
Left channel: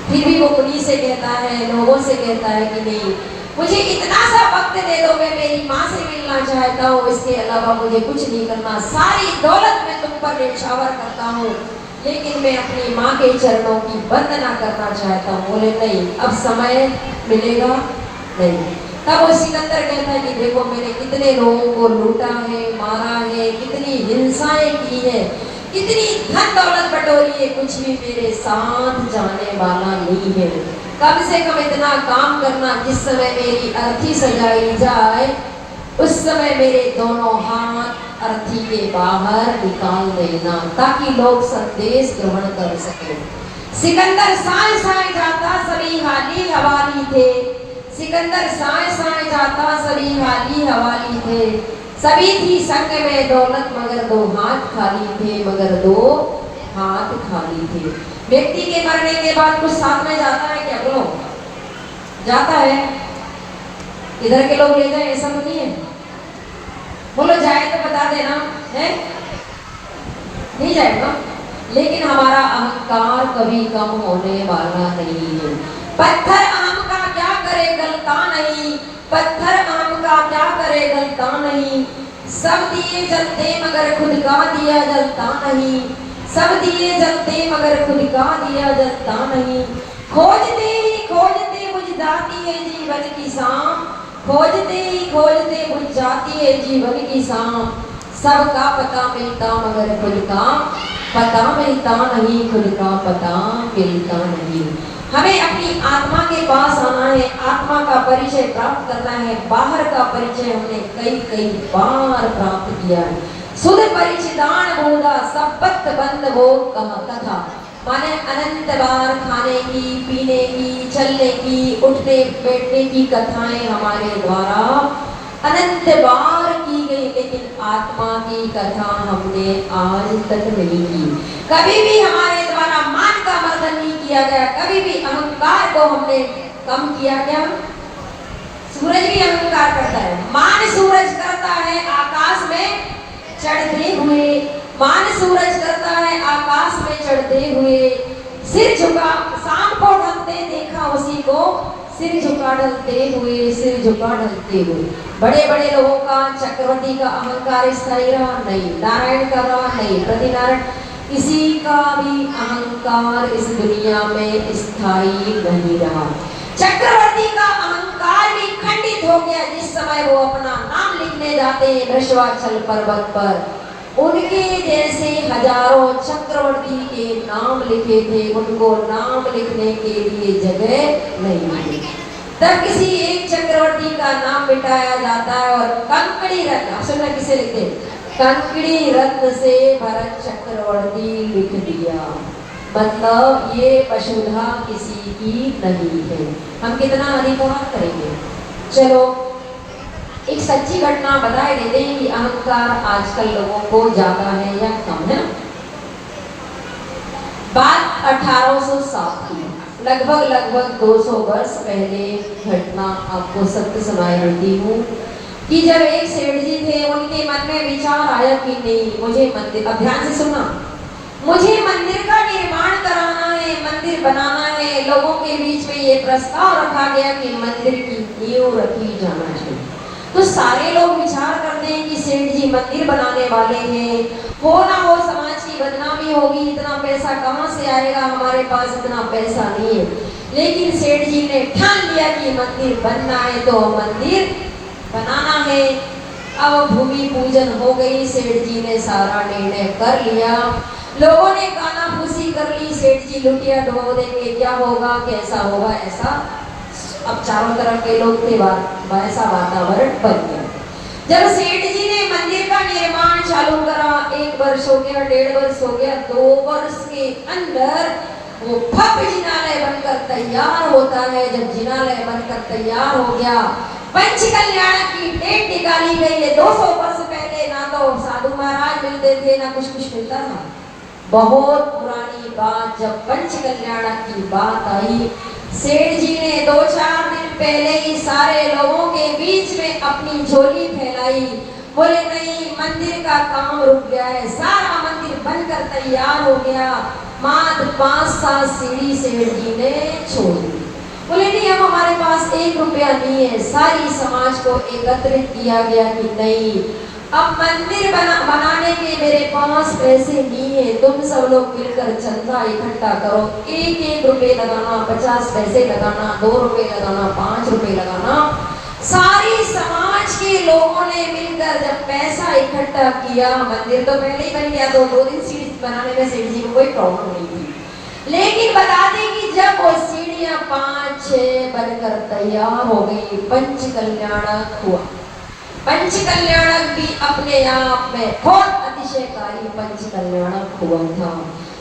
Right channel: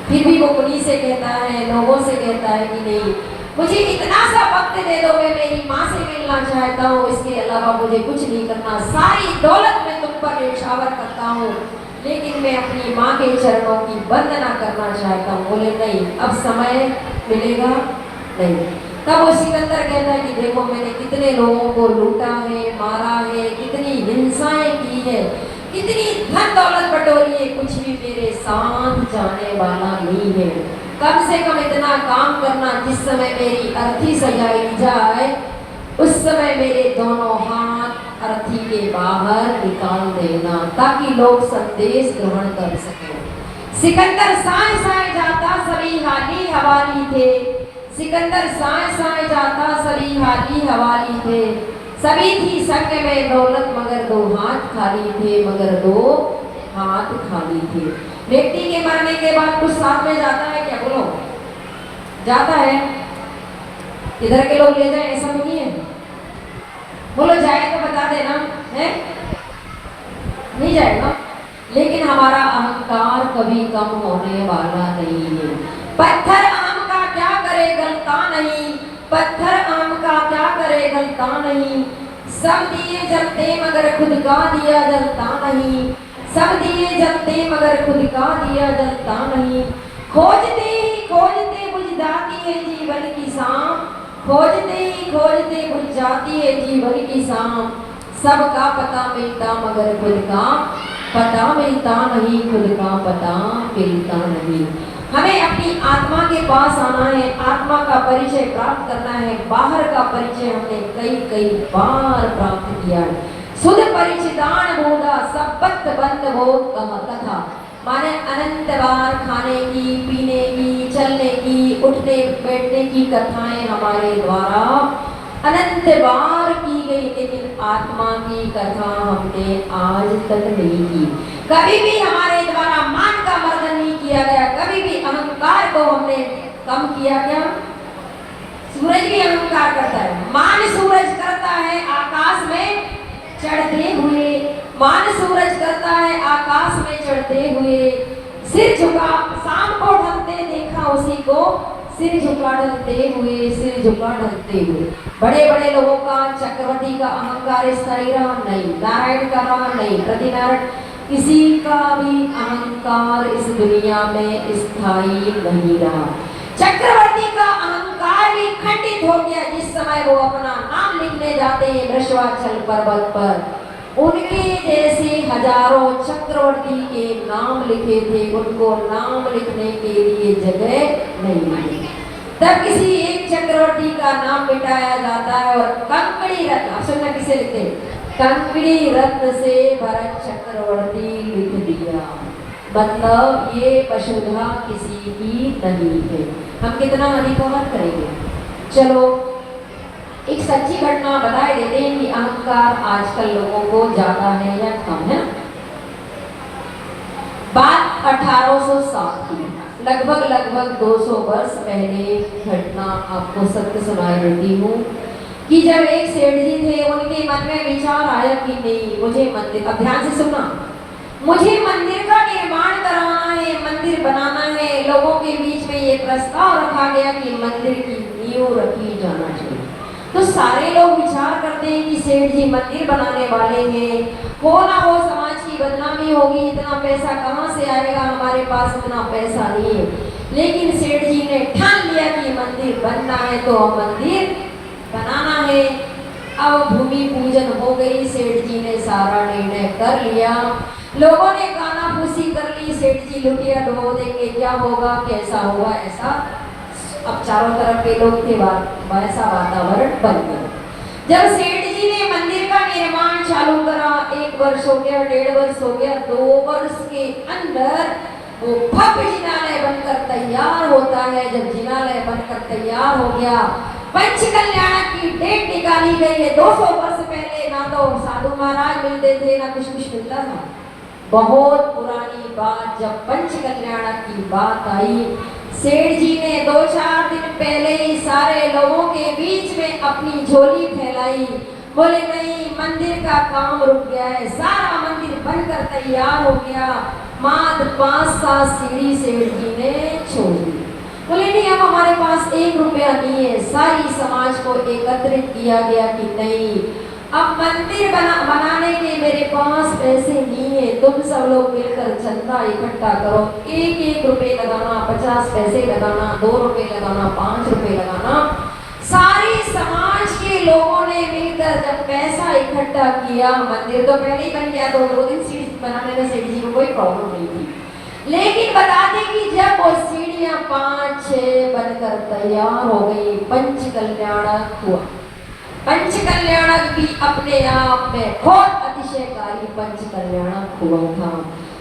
फिर भी वो मुनि से कहता है, लोगों से कहता है कि नहीं, मुझे इतना सा वक्त दे दो, मैं मेरी माँ से मिलना चाहता हूँ, इसके अलावा मुझे कुछ नहीं करना, सारी दौलत मैं तुम पर न्यौछावर करता हूँ, लेकिन मैं अपनी माँ के चरणों की वंदना करना चाहता हूँ। बोले नहीं, अब समय मिलेगा नहीं। तब वो सिकंदर कहता है कि देखो मैंने कितने लोगों को लूटा है, मारा है, कितनी हिंसाएं की है, कितनी धन दौलत बटोरी है, कुछ भी मेरे साथ जाने वाला नहीं है। कम से कम इतना काम करना, जिस समय मेरी अर्थी सजाई जाए उस समय मेरे दोनों हाथ अर्थी के बाहर निकाल देना, ताकि लोग संदेश ग्रहण कर सके। सिकंदर साए साए जाता, सभी हाली हवाली थे। सिकंदर साए साए जाता, सभी हाली हवाली थे। सभी थी संग में दौलत, मगर 2 हाथ खाली थे, मगर 2 हाथ खाली थे। व्यक्ति के मरने के बाद कुछ साथ में जाता है क्या? बोलो, जाता है? इधर के लोग ले जाए ऐसा तो नहीं है? बोलो जाए तो बता देना है, नहीं जाएगा। लेकिन हमारा अहंकार कभी कम होने वाला नहीं है। पत्थर आम का क्या करे गलता नहीं, पत्थर आम का क्या करे गलता नहीं। सब दिए जलते मगर खुद का दिया जलता नहीं, सब दिए जलते मगर खुद का दिया जलता नहीं। खोजते ही खोजते बुझ जाती है जीवन की शाम, खोजते ही खोजते बुझ जाती है जीवन की शाम। सबका पता मिलता मगर खुद का पता मिलता नहीं, खुद का पता मिलता नहीं। हमें अपनी आत्मा के पास आना है, आत्मा का परिचय प्राप्त करना है। बाहर का परिचय हमने कई बार प्राप्त किया है। सुध परिचिदान बोधा सब बत बंद हो कथा, माने अनंत बार खाने की, पीने की, चलने की, उठने बैठने की कथाएं हमारे द्वारा अनंत बार की गई, लेकिन आत्मा की कथा हमने आज तक नहीं की। कभी भी हमारे द्वारा मान का मर्दन नहीं किया गया, कभी भी अहंकार को हमने कम किया क्या? सूरज भी अहंकार करता है, मान सूरज करता है आकाश में चढ़ते हुए, मान सूरज करता है आकाश में चढ़ते हुए, सिर झुका, शाम को ढलते देखा उसी को, सिर झुका ढलते हुए, सिर झुका ढलते हुए। बड़े बड़े लोगों का, चक्रवर्ती का अहंकार स्थायी रहा नहीं, नारायण का रहा नहीं, प्रतिनारायण, किसी का भी अहंकार इस दुनिया में स्थायी नहीं रहा। चक्रवर्ती का अहंकार भी खंडित हो गया जिस समय वो अपना नाम लिखने जाते हैं वृषभाचल पर्वत पर। उनके जैसे हजारों चक्रवर्ती के नाम लिखे थे, उनको नाम लिखने के लिए जगह नहीं मिली। तब किसी एक चक्रवर्ती का नाम मिटाया जाता है और कंकड़ी रत्न, सुनना किसे लिखते, कंकड़ी रत्न से भरत चक्रवर्ती लिख दिया। मतलब ये वसुधा किसी की नहीं है। हम कितना अधिकार करेंगे? चलो एक सच्ची घटना बताए देते हैं कि अहंकार आजकल लोगों को ज्यादा है या कम है। बात 1807 की, लगभग 200 वर्ष पहले घटना आपको सत्य सुनाई देती हूँ कि जब एक सेठ जी थे, उनके मन में विचार आया कि नहीं मुझे मंदिर, अब ध्यान से सुनना, मुझे मंदिर का निर्माण कराना है, मंदिर बनाना है। लोगों के बीच में ये प्रस्ताव रखा गया कि मंदिर की नींव रखी जाना चाहिए। तो सारे लोग विचार करते हैं कि सेठ जी मंदिर बनाने वाले हैं, हो ना हो समाज की बदनामी होगी, इतना पैसा कहाँ से आएगा, हमारे पास इतना पैसा नहीं है। लेकिन सेठ जी ने ठान लिया कि मंदिर बनना है तो मंदिर बनाना है। अब भूमि पूजन हो गई, सेठ जी ने सारा निर्णय कर लिया, लोगों ने कानाफूसी कर ली, सेठ जी लुटिया डुबो देंगे, क्या होगा, कैसा होगा, ऐसा अब चारों तरफ के लोग थे, वैसा वातावरण बन गया। जब सेठ जी ने मंदिर का निर्माण चालू करा, 1 वर्ष हो गया, 1.5 वर्ष हो गया, 2 वर्ष के अंदर वो भव्य जिनालय बनकर तैयार होता है। जब जिनालय बनकर तैयार हो गया, पंचकल्याण की डेट निकाली गई है। 200 वर्ष पहले ना तो साधु महाराज मिलते थे, ना कुछ मिलता था। बहुत पुरानी बात, जब पंचकल्याण की बात आई, सेठ जी ने 2-4 दिन पहले ही सारे लोगों के बीच में अपनी झोली फैलाई, बोले नहीं मंदिर का काम रुक गया है, सारा मंदिर बनकर तैयार हो गया, मात्र 5-7 सीढ़ी सेठ जी ने छोड़ दी। बोले नहीं अब हमारे पास 1 रुपया नहीं है। सारी समाज को एकत्रित किया गया कि नहीं अब मंदिर बनाने के मेरे पास पैसे नहीं है, तुम सब लोग मिलकर चंदा इकट्ठा करो, 1-1 रुपए लगाना, 50 पैसे लगाना, 2 रुपए लगाना, 5 रुपए लगाना। सारी समाज के लोगों ने मिलकर जब पैसा इकट्ठा किया, मंदिर तो पहले ही बन गया, तो 2 दिन सीढ़ी बनाने में सेठ जी को कोई प्रॉब्लम नहीं थी। लेकिन बता दें कि जब वो सीढ़ियां 5-6 बनकर तैयार हो गई, पंचकल्याणक हुआ। पंचकल्याणक भी अपने आप में बहुत अतिशयकारी पंचकल्याणक हुआ था।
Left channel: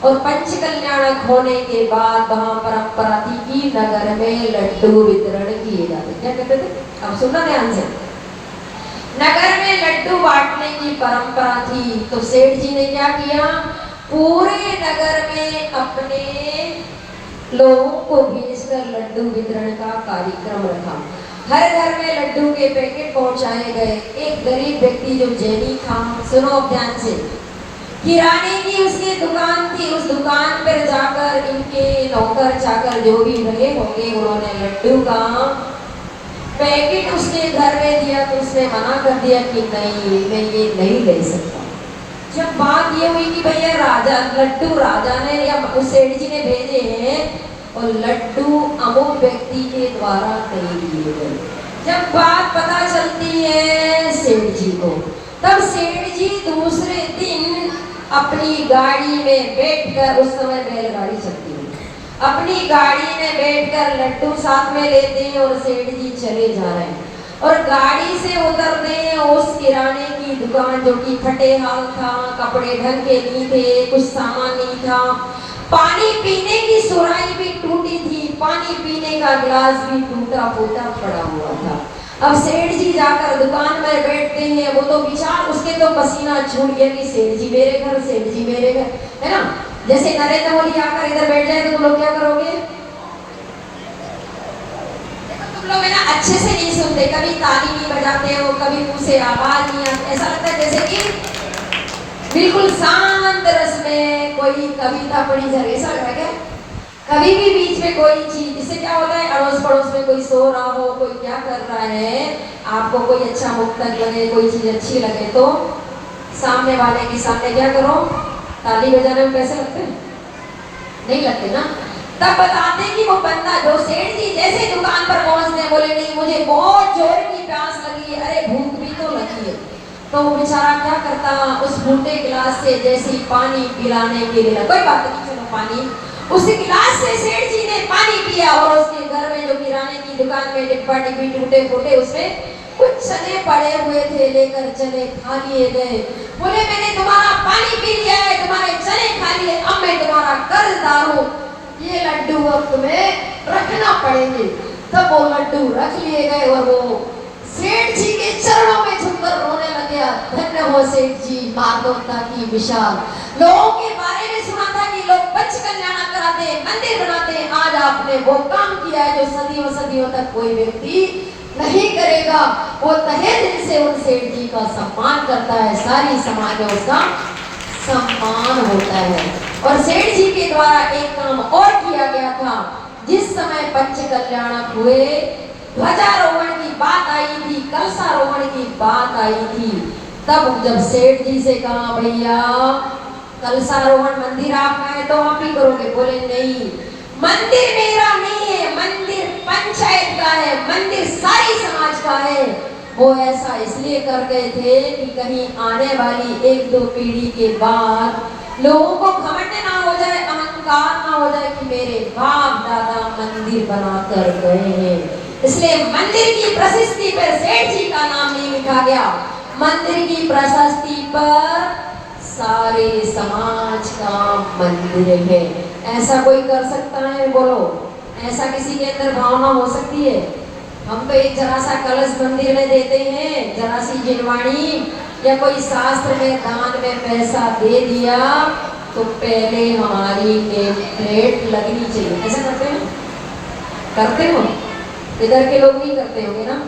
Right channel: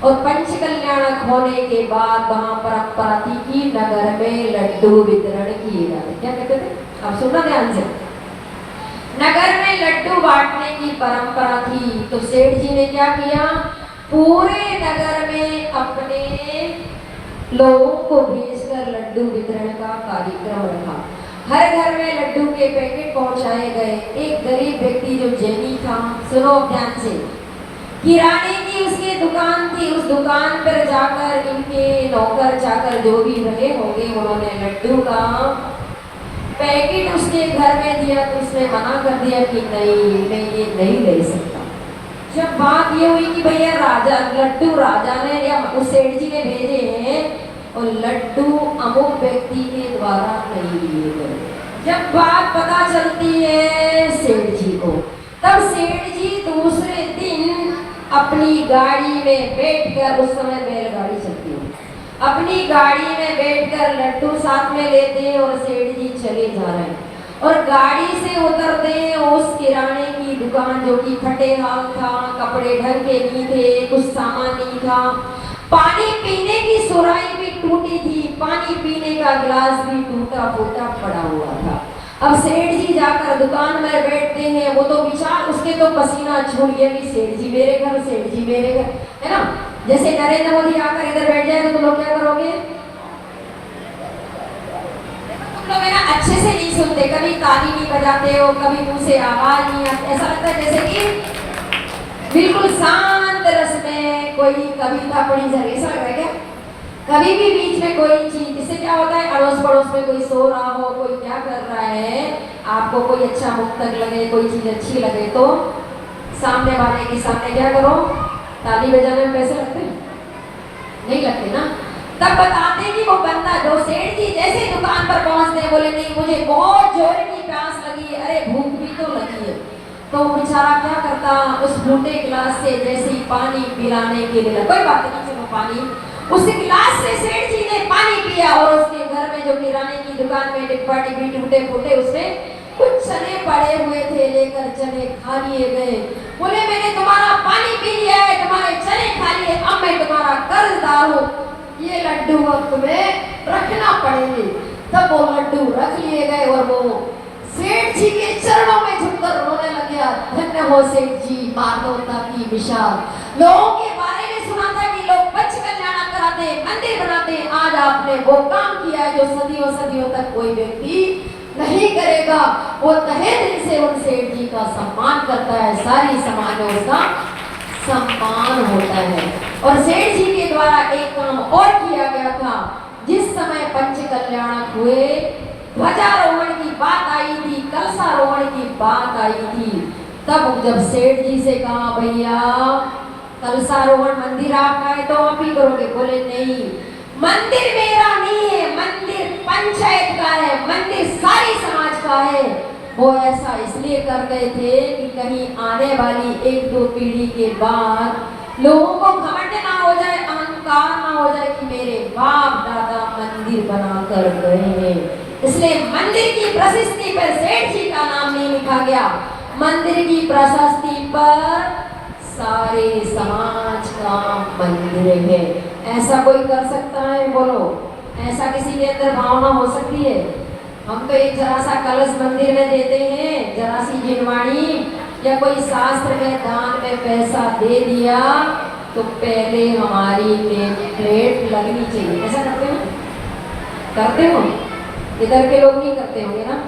और पंचकल्याणक होने के बाद वहां परंपरा थी कि नगर में लड्डू वितरण किए जाते। क्या कहते थे? अब सुनना ध्यान से, नगर में लड्डू बांटने की परंपरा थी। तो सेठ जी ने क्या किया, पूरे नगर में अपने लोगों को भेजकर लड्डू वितरण का कार्यक्रम रखा। हर घर में लड्डू के पैकेट पहुंचाए गए। एक गरीब व्यक्ति जो जैनी था, सुनो ध्यान से, किराने की उसकी दुकान थी, उस दुकान पर जाकर इनके नौकर चाकर जो भी रहे होंगे, उन्होंने लड्डू का पैकेट उसके घर में दिया, तो उसने मना कर दिया कि नहीं मैं ये नहीं ले सकता। जब बात ये हुई कि भैया राजा लड्डू राजा ने या उस सेठ जी ने भेजे हैं और लड्डू अमुक व्यक्ति के द्वारा नहीं दिए गए, जब बात पता चलती है सेठ जी को, तब सेठ जी दूसरे दिन अपनी गाड़ी में बैठकर, उस समय बैलगाड़ी चलती है, अपनी गाड़ी में बैठकर लड्डू साथ में लेते हैं और सेठ जी चले जा रहे हैं। और गाड़ी से उतरते हैं, उस किराने की दुकान जो कि फटे हाल था, कपड़े ढंग के नहीं थे, कुछ सामान नहीं था, पानी पीने की सुराही भी टूटी थी, पानी पीने का गिलास भी टूटा फूटा पड़ा हुआ था। अब सेठ जी जाकर दुकान में बैठते हैं, वो तो विचार उसके तो पसीना छूट गया कि सेठ जी मेरे घर, सेठ जी मेरे घर, है ना। जैसे नरेंद्र मोदी आकर इधर बैठ जाए तो तुम लोग क्या करोगे? देखो तुम लोग है ना अच्छे से नहीं सुनते, कभी ताली नहीं बजाते हो, कभी मुंह से आवाज नहीं आती, ऐसा लगता है जैसे कि बिल्कुल शांत रस में कोई कविता पढ़ी जा रही, ऐसा लग रहा है क्या? कभी भी बीच में कोई चीज, इससे क्या होता है, अड़ोस पड़ोस में कोई सो रहा हो, कोई क्या कर रहा है, आपको कोई अच्छा मुक्तक लगे, कोई चीज अच्छी लगे तो सामने वाले के सामने क्या करो, ताली बजाने में पैसे लगते हैं? नहीं लगते ना। तब बताते कि वो बंदा जो सेठ जी जैसे दुकान पर पहुंचते बोले नहीं मुझे बहुत जोर की प्यास लगी, अरे भूख भी तो लगी है, तो वो बेचारा क्या करता, उस फूटे गिलास से जैसे ही पानी पिलाने के लिए, कोई बात नहीं चलो पानी, उस गिलास से सेठ जी ने पानी पिया और उसके घर में जो किराने की दुकान में डिब्बा डिब्बी टूटे फूटे उसमें कुछ चने पड़े हुए थे, लेकर चने खा लिए गए। बोले मैंने तुम्हारा पानी पी लिया है, तुम्हारे चने खा लिए, अब मैं तुम्हारा कर्जदार हूँ, ये लड्डू अब तुम्हें रखना पड़ेंगे। तब वो लड्डू रख लिए गए और वो सेठ जी के चरणों में झुककर रोने लगे, धन्य हो सेठ जी, मानवता की विशाल। लोगों के बारे में सुना था कि लोग पंच कल्याण कराते, मंदिर बनाते, आज आपने वो काम किया है जो सदियों सदियों तक कोई व्यक्ति नहीं करेगा। वो तहे दिल से उन सेठ जी का सम्मान करता है, सारी समाज में उसका सम्मान होता है। और सेठ जी के द्वारा एक काम और किया गया था, जिस समय पंच कल्याण हुए, ध्वजारोहण की बात आई थी, कलशारोहण की बात आई थी, तब जब सेठ जी से कहा भैया कलशारोहण मंदिर आपका है तो आप ही करोगे, बोले नहीं मंदिर मेरा नहीं है, मंदिर पंचायत का है, मंदिर सारी समाज का है। वो ऐसा इसलिए कर गए थे कि कहीं आने वाली एक दो पीढ़ी के बाद लोगों को घमंड ना हो जाए, अहंकार ना हो जाए कि मेरे बाप दादा मंदिर बना कर गए हैं, इसलिए मंदिर की प्रशस्ति पर सेठ जी का नाम नहीं लिखा गया, मंदिर की प्रशस्ति पर सारे समाज का मंदिर है। ऐसा कोई कर सकता है? बोलो, ऐसा किसी के अंदर भावना हो सकती है? हम तो एक जरा सा कलश मंदिर में देते हैं, जरा सी जिनवाणी या कोई शास्त्र में दान में पैसा दे दिया तो पहले हमारी प्लेट लगनी चाहिए, ऐसा करते हो? करते हो? इधर के लोग नहीं करते होंगे ना।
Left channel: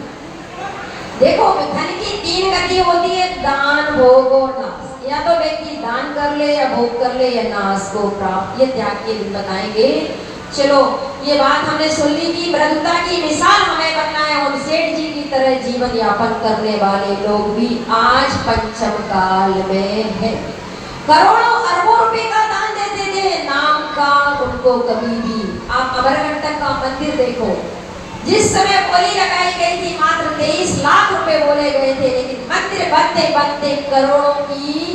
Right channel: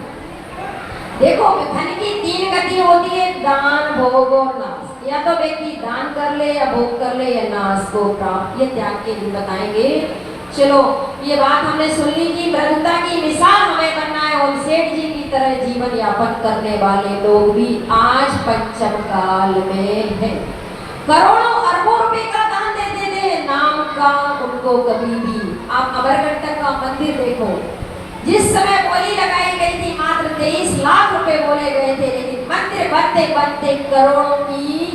देखो धन की तीन गति होती है, दान भोग और नाश, या तो व्यक्ति दान कर ले या भोग कर ले या नाश को प्राप्त, ये त्याग के दिन बताएंगे। चलो ये बात हमने सुन ली कि ब्रह्मता की मिसाल हमें बनना है, उन सेठ जी की तरह जीवन यापन करने वाले लोग भी आज पंचम काल में है। करोड़ों अरबों रुपए का दान देते थे, नाम का उनको कभी भी, आप अमरकंटक का मंदिर देखो, जिस समय बोली लगाई गई थी मात्र 23 लाख रुपए बोले गए थे, लेकिन मंदिर बनते बनते करोड़ों की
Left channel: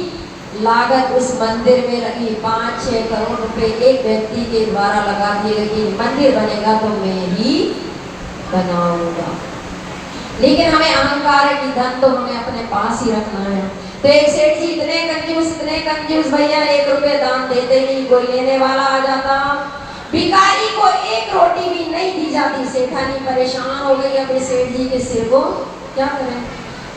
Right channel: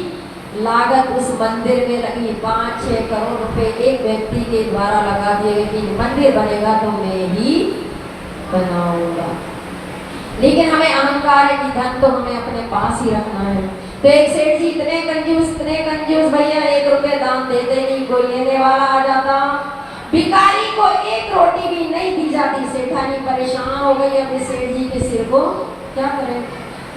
लागत उस मंदिर में लगी, 5-6 करोड़ रुपए एक व्यक्ति के द्वारा लगा दिए कि मंदिर बनेगा तो मैं ही बनाऊंगा। लेकिन हमें अहंकार है कि धन तो हमें अपने पास ही रखना है। तो एक सेठ जी इतने कंजूस भैया, 1 रुपए दान देते नहीं, कोई लेने वाला आ जाता, भिखारी को 1 रोटी भी नहीं दी जाती, सेठानी परेशान हो गई अपने सेठ जी के सिर को क्या करें।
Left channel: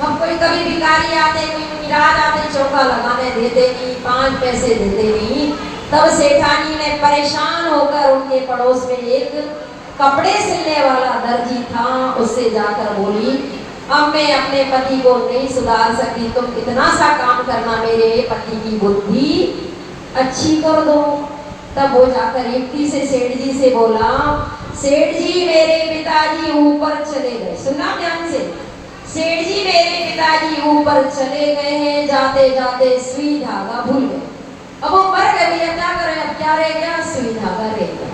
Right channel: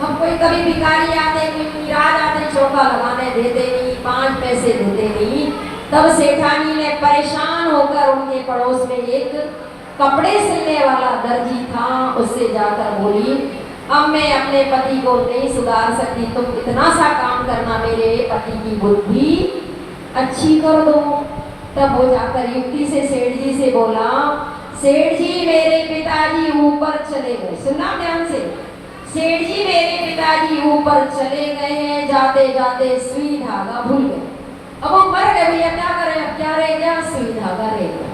हम कोई कभी भिखारी आते, मिराज आते, चौका लगाने देते नहीं, 5 पैसे देते नहीं, तब सेठानी ने परेशान होकर उनके पड़ोस में एक कपड़े सिलने वाला दर्जी था, उससे जाकर बोली अब मैं अपने पति को नहीं सुधार सकती, तुम इतना सा काम करना, मेरे पति की बुद्धि अच्छी कर दो। तब वो जाकर युक्ति से सेठ जी से बोला, सेठ जी मेरे पिताजी ऊपर चले गए, सुना ध्यान से, सेठ जी मेरे पिताजी ऊपर चले गए हैं, जाते जाते सुई धागा भूल गए, अब वो मर गए भैया, क्या करें, अब क्या रह गया, सुई धागा रह गया।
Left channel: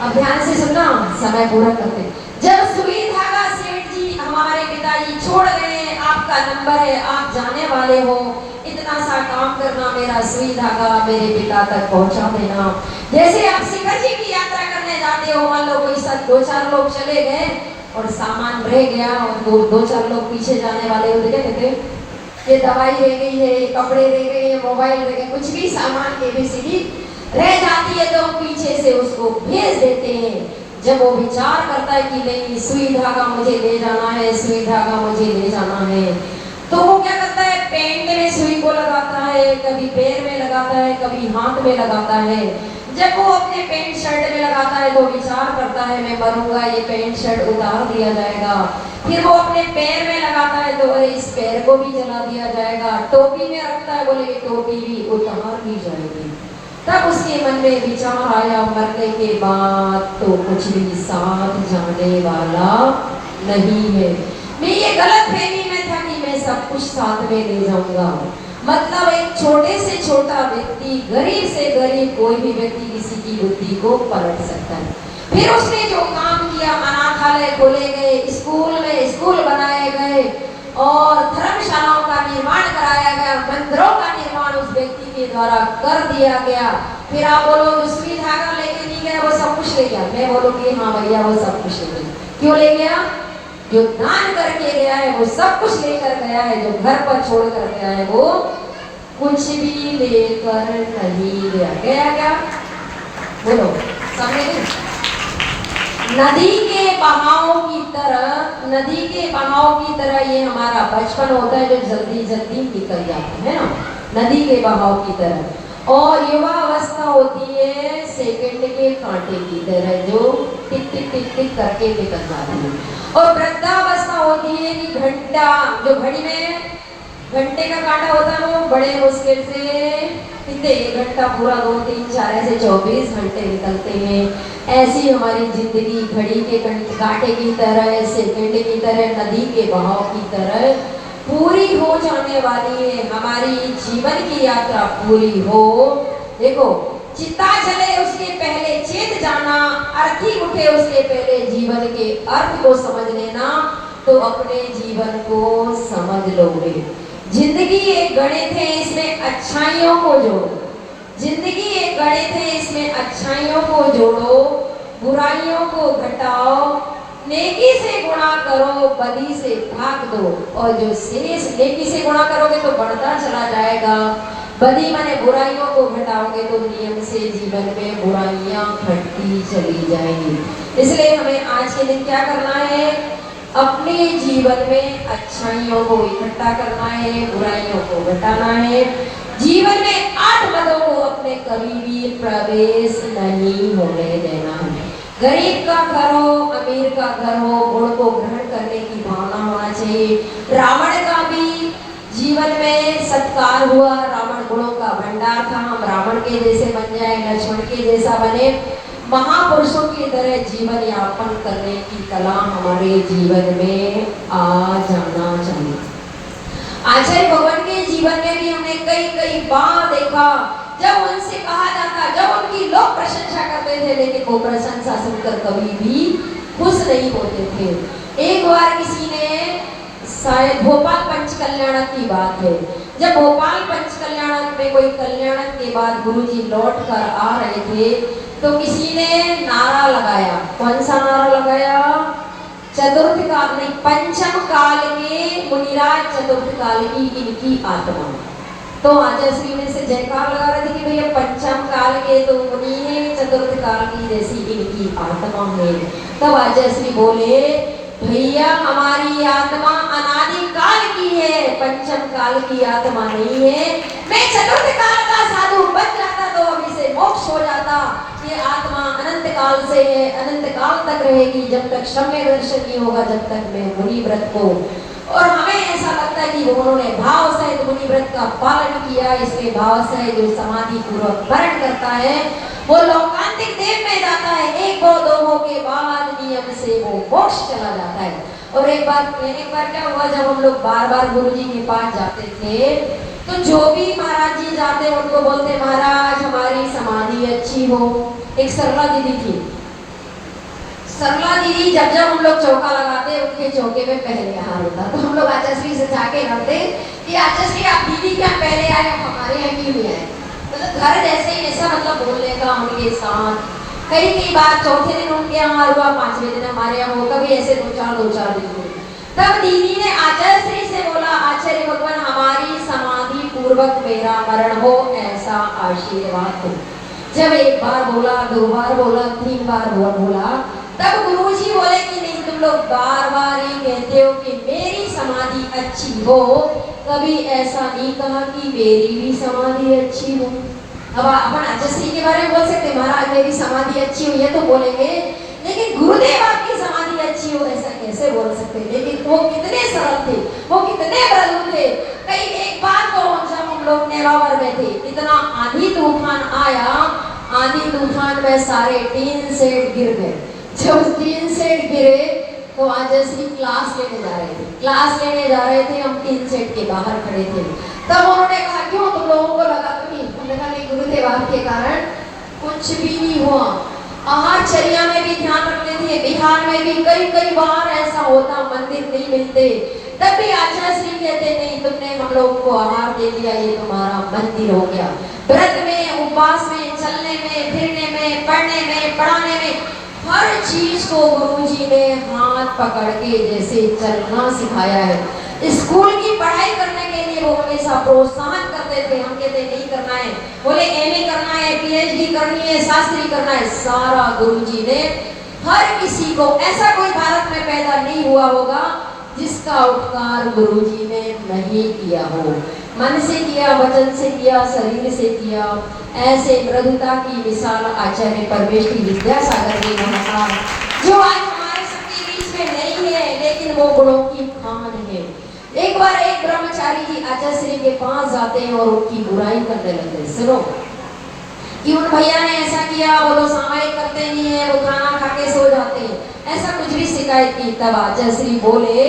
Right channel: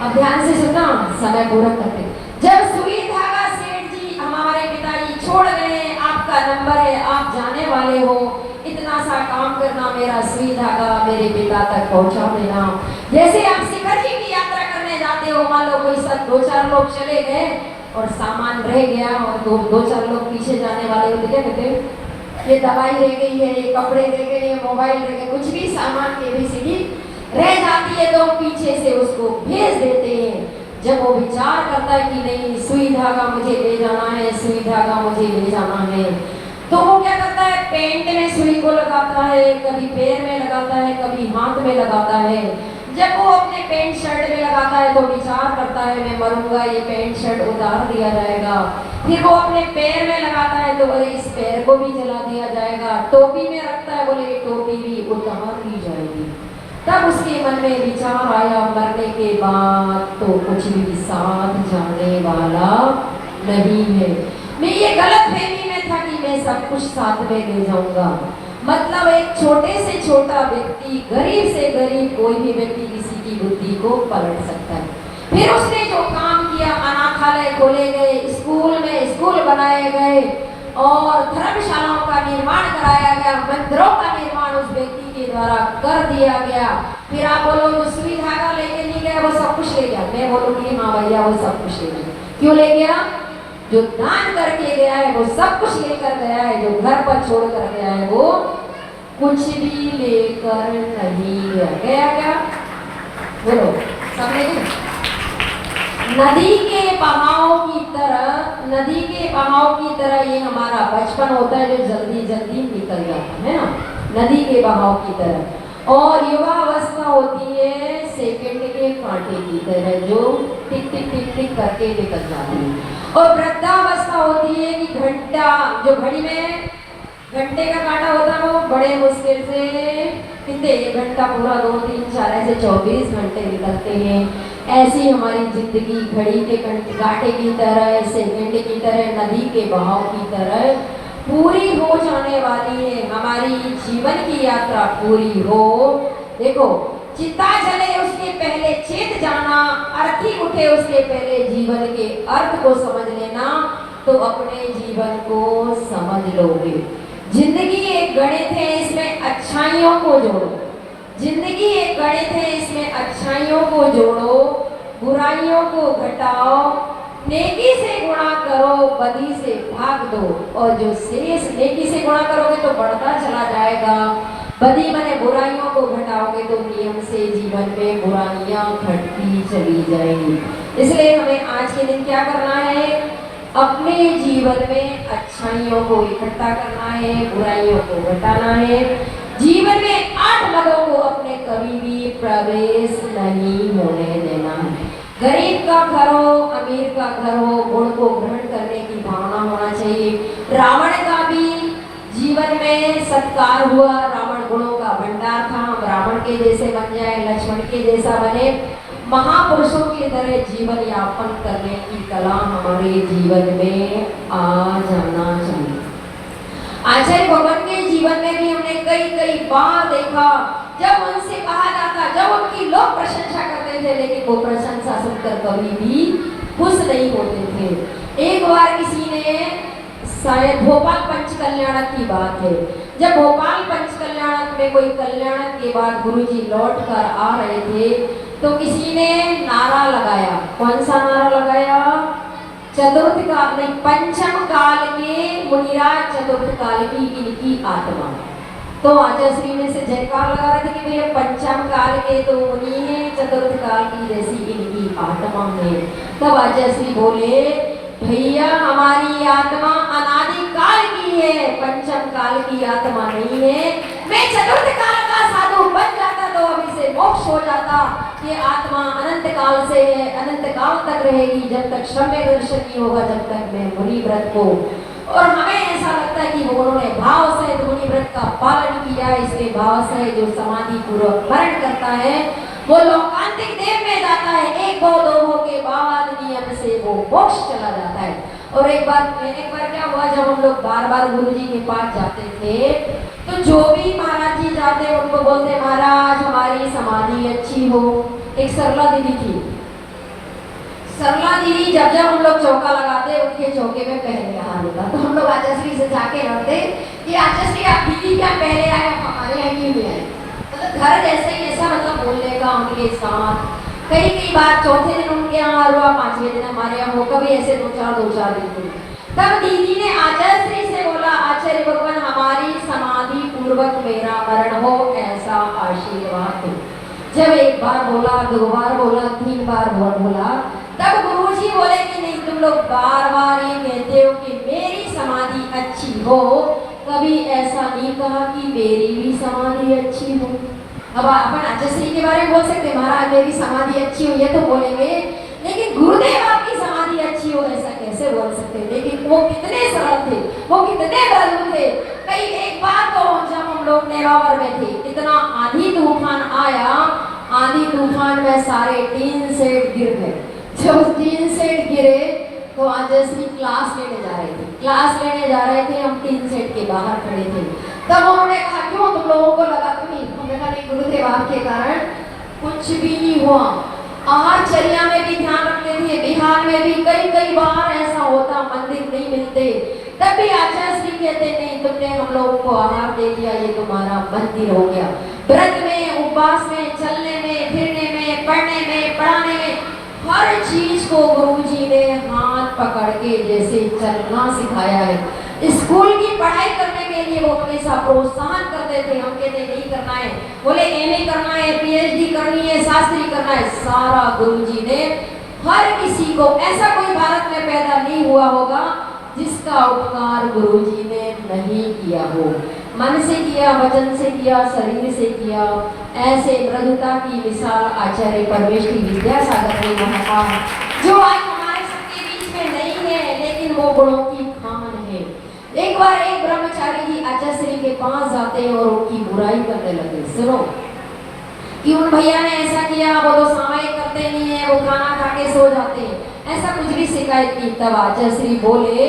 अब ध्यान से सुनना, समय पूरा करते, जब सुई धागा सेठ जी हमारे पिताजी छोड़ गए, आपका नंबर है, आप जाने वाले हो, इतना सा काम करना, मेरा सुई धागा मेरे पिता तक पहुंचा देना। जैसे आप शिखर जी की यात्रा करने जाते हो, मान लो कोई 2-4 लोग चले गए और सामान रह गया और 2-4 लोग पीछे जाने वाले होते, क्या कहते, ये दवाई रह गई है, ये कपड़े रह गए, ये मोबाइल रह गए, कुछ भी सामान ABCD रह जाती है तो पीछे से उसको भेज देते हैं। जब वो विचार करता है कि नहीं सुई धागा मुझे ले जाना है, सुई धागा मुझे ले जाना है, तो वो क्या करता है, पेंट में सुई को लगाता है, कभी पैर में लगाता है, कभी हाथ में लगाता है। जब वो अपने पैंट शर्ट में लगाता है तो विचार करता है मैं मरूंगा, ये पैंट शर्ट उतार दिया जाएगा। फिर वो अपने पैर में लगाता है तो अरे इस पैर को भी जला दिया जाएगा। टोपी में रखता है, बोले टोपी भी उतार दी जाएगी। तब उसके मन में विचार आया मरने के बाद तो कुछ भी साथ जाने वाला नहीं है। मैं ये गलत फहमी में था कि मैं सब कुछ साथ में ले जाऊंगा। मतलब एक छोटे से छोटा व्यक्ति, गरीब से गरीब कोई भी व्यक्ति किसी की बुद्धि को पलट सकता है। फिर उसने जो काम किया, अनाथालय खोले गए, स्कूल में स्कूल बनाए गए और धर्मशालाओं का निर्माण कराया गया, मंदिरों का निर्माण उस व्यक्ति के द्वारा कर दिया गया। फिर आप बोलो जो सुई धागा लेके नहीं गया वो सब कुछ ले गया। मैं बोलूँगी हाँ भैया वो सब कुछ ले गया। क्यों ले गया? जो दान करके गया है वो सब कुछ लेकर गया है, जो घर पर छोड़ कर गया है वो कुछ भी लेकर नहीं गया। गया क्या? बोलो सबने गया। नदी के बहाव की तरह, नदी के बहाव की तरह ये हमारा बचपन होता है जो जल्दी जल्दी निकल जाता है ना, नदी के बहाव की तरह। और युवा अवस्था होती है सेकंड के कांटे की तरह जो टिक टिक टिक टिक करके निकल जाती है। और वृद्धावस्था होती है कि घंटा, जो घड़ी में घंटे का कांटा होता है वो बड़े मुश्किल से कितने, 1 घंटा पूरा 2 3 4 ऐसे 24 घंटे निकलते हैं। ऐसी हमारी जिंदगी घड़ी के कांटे की तरह, सेकंड की तरह, नदी के बहाव की तरह पूरी हो जाने वाली है। हमारी जीवन की यात्रा पूरी हो। देखो चिता जले उसके पहले चेत जाना, अर्थी उठे उसके पहले जीवन के अर्थ को समझ लेना, तो अपने जीवन को समझ लोगे। जिंदगी एक गणित है, इसमें अच्छाइयों को जोड़ो। जिंदगी एक गणित है, इसमें अच्छाइयों को जोड़ो, बुराइयों को घटाओ, नेकी से गुणा करो, बदी से भाग दो। और जो शेष, नेकी से गुणा करोगे तो बढ़ता चला जाएगा, बदी माने बुराइयों को घटाओगे तो नियम से जीवन में बुराइयां घटती चली जाएंगी। इसलिए हमें आज के दिन क्या करना है, अपने जीवन में अच्छाइयों को इकट्ठा करना है, बुराइयों को घटाना है। जीवन में 8 मदों को अपने कभी भी प्रवेश नहीं होने देना है। गरीब का घर हो, अमीर का घर हो, गुण को ग्रहण करने की भावना होना चाहिए। रावण का भी जीवन में सत्कार हुआ, रावण गुणों का भंडार था। हम रावण के जैसे बन जाए, लक्ष्मण के जैसा बने, महापुरुषों की तरह जीवन यापन करने की कला हमारे जीवन में आ जाना चाहिए। आचार्य भगवान के जीवन में भी हमने कई कई बार देखा जब उनसे कहा जाता, जब उनकी लोग प्रशंसा करते थे लेकिन वो प्रशंसा सुनकर कभी भी खुश नहीं होते थे। एक बार किसी ने, शायद भोपाल पंच कल्याणक की बात है, जब भोपाल पंच कल्याणक में कोई कल्याणक के बाद गुरुजी लौट कर आ रहे थे तो किसी ने नारा लगाया। कौन सा नारा लगाया? चतुर्थ काल नहीं, पंचम काल के मुनिराज, चतुर्थ काल की इनकी आत्मा। तो आचार्य में से जयकार लगा रहे थे कि भैया पंचम काल के तो मुनि है, चतुर्थ काल की जैसी इनकी आत्मा है। तब आचार्य बोले भैया हमारी आत्मा अनादि काल की है, पंचम काल की आत्मा नहीं है। मैं चतुर्थ काल का साधु बन जाता तो अभी से मोक्ष हो जाता। ये आत्मा अनंत काल से है, अनंत काल तक रहेगी, जब तक श्रम्य दर्शन नहीं होगा, जब तक मैं मुनि व्रत को। और हमें ऐसा लगता है कि उन्होंने भाव सहित मुनि व्रत का पालन किया। इसके भाव से जो समाधि पूर्वक वर्ण करता है वो लोकांतिक देव में जाता है। 1 भव 2 भव के बाद नियम से वो मोक्ष चला जाता है। और एक बार क्या हुआ, जब हम लोग बार बार गुरु जी के पास जाते थे तो जो भी महाराज जी जाते उनको बोलते महाराज हमारी समाधि अच्छी हो। एक सरला दीदी थी, सरला दीदी जब जब हम लोग चौका लगाते उनके चौके में पहले हार होता, तो हम लोग आचार्य से जाके रखते कि आचार्य आप दीदी क्या पहले आए, हमारे यहाँ क्यों नहीं आए। मतलब घर जैसे ही ऐसा मतलब बोलने का उनके साथ। कई बार चौथे दिन उनके यहाँ हुआ, 5वें दिन हमारे यहाँ हो, कभी ऐसे 2-4 दिन। तब दीदी ने आचार्य से बोला आचार्य भगवान हमारी समाधि पूर्वक मेरा मरण हो ऐसा आशीर्वाद हो। जब 1 बार बोला, 2 बार बोला, 3 बार बोला, तब गुरुजी बोले कि नहीं, तुम लोग बार बार ये कहते हो कि मेरी समाधि अच्छी हो, कभी ऐसा नहीं कहा कि मेरी भी समाधि अच्छी हो। अब अपन अजश्री के बारे में बोल सकते महाराज मेरी समाधि अच्छी हो, ये तो बोलेंगे, लेकिन गुरुदेव आपकी समाधि अच्छी हो ऐसा कैसे बोल सकते। लेकिन वो कितने सरल थे, वो कितने बलू थे। कई एक बार तो जब हम लोग नेवावर में थे, इतना आंधी तूफान आया, आंधी तूफान में सारे टीन सेट गिर गए। जब टीन सेट गिरे तो अजश्री क्लास लेने जा रहे थे, क्लास लेने जा रहे थे, हम टीन सेट के बाहर खड़े थे। तब उन्होंने कहा क्यों तुम लोगों को लगा तो नहीं? हमने कहा नहीं गुरुदेव आपके कारण कुछ भी नहीं हुआ। आहारचर्या में भी ध्यान रखते थे, बिहार में भी कई कई बार ऐसा होता मंदिर नहीं मिलते, तब भी आचार्य श्री कहते नहीं तुमने हम लोगों को आहार दे दिया, ये तुम्हारा मंदिर हो गया। व्रत में, उपवास में, चलने में, फिरने में, पढ़ने में, पढ़ाने में, हर चीज को गुरुजी ने हाथ पकड़ के जैसे चलना सिखाया है। स्कूल की पढ़ाई करने के लिए वो हमेशा प्रोत्साहन करते थे, हम कहते नहीं करना है, बोले एमए करना है, पीएचडी करनी है, शास्त्री करना है, सारा गुरुजी ने हर किसी को, ऐसा कोई भारत में पैदा नहीं हुआ होगा जिसका उपकार गुरुजी ने नहीं किया हो। मन से किया, वचन से किया, शरीर से किया। ऐसे मृदुता की मिसाल आचार्य परमेश्वरी विद्यासागर ने कहा, जो आज हमारे सबके बीच में नहीं है, लेकिन वो गुणों की खान है। एक बार एक ब्रह्मचारी जी आचार्य श्री के पास जाते हैं और उनकी बुराई करने लगे। सुनो कि उन भैया ने ऐसा किया, वो तो सामायिक करते नहीं है, वो खाना खा के सो जाते हैं, ऐसा कुछ भी शिकायत की। तब आचार्य श्री बोले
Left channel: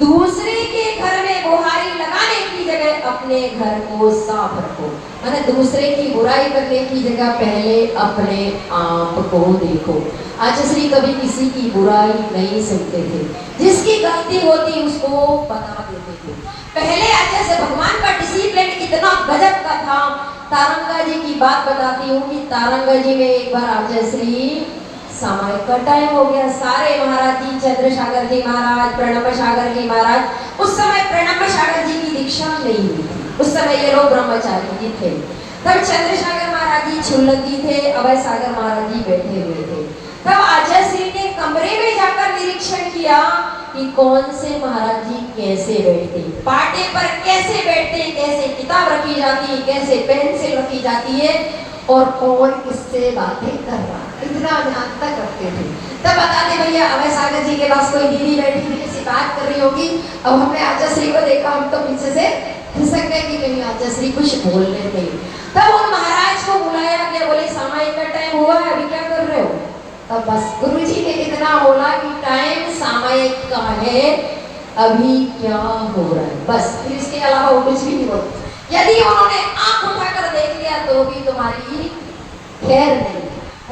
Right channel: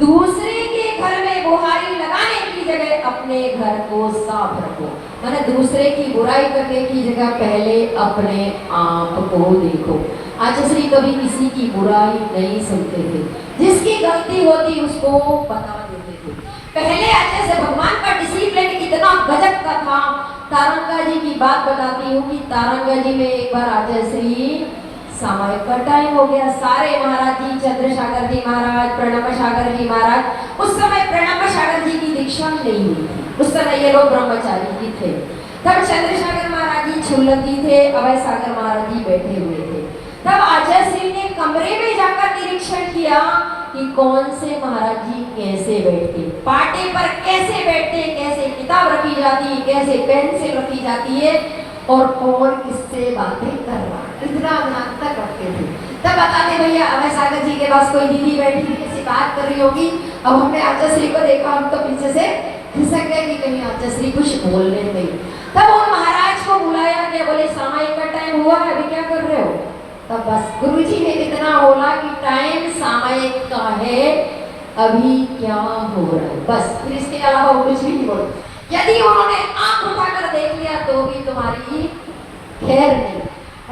दूसरे के घर में बुहारी लगाने की जगह अपने घर को साफ रखो। मैंने दूसरे की बुराई करने की जगह पहले अपने आप को देखो। आचार्य श्री कभी किसी की बुराई नहीं सुनते थे, जिसकी गलती होती उसको बता देते थे। पहले आचार्य से भगवान का डिसिप्लिन इतना गजब का था। तारंगा जी की बात बताती हूँ कि तारंगा जी में एक बार आचार्य श्री सामायिक का टाइम हो गया, सारे महाराज जी, चंद्रसागर जी महाराज, प्रणव सागर जी महाराज, उस समय प्रणव सागर जी की दीक्षा नहीं हुई थी, उस समय ये लोग ब्रह्मचारी जी थे। तब चंद्रसागर महाराज जी छुल्लक जी थे, अभय सागर महाराज जी बैठे हुए थे। तब आचार्य श्री ने कमरे में जाकर निरीक्षण किया कि कौन से महाराज जी कैसे बैठते, पाटे पर कैसे बैठते, कैसे किताब रखी जाती है, कैसे पेंसिल रखी जाती है, और कौन किससे बातें कर रहा, इतना ध्यान तक रखते थे। तब बताते भैया अभय सागर जी के पास कोई दीदी बैठी थी, किसी बात कर रही होगी। अब हमने आचार्य श्री को देखा, हम तो पीछे से खिसक गए कि कहीं आचार्य श्री कुछ बोलने नहीं। तब उन महाराज को बुलाया गया, बोले सामायिक का टाइम हुआ है, अभी क्या कर रहे हो? तब बस गुरुजी ने इतना बोला कि टाइम सामायिक का है, अभी क्या हो रहा है, बस। फिर इसके अलावा वो कुछ भी नहीं बोला। यदि उन्होंने आंख उठाकर देख लिया तो भी तुम्हारी खैर नहीं।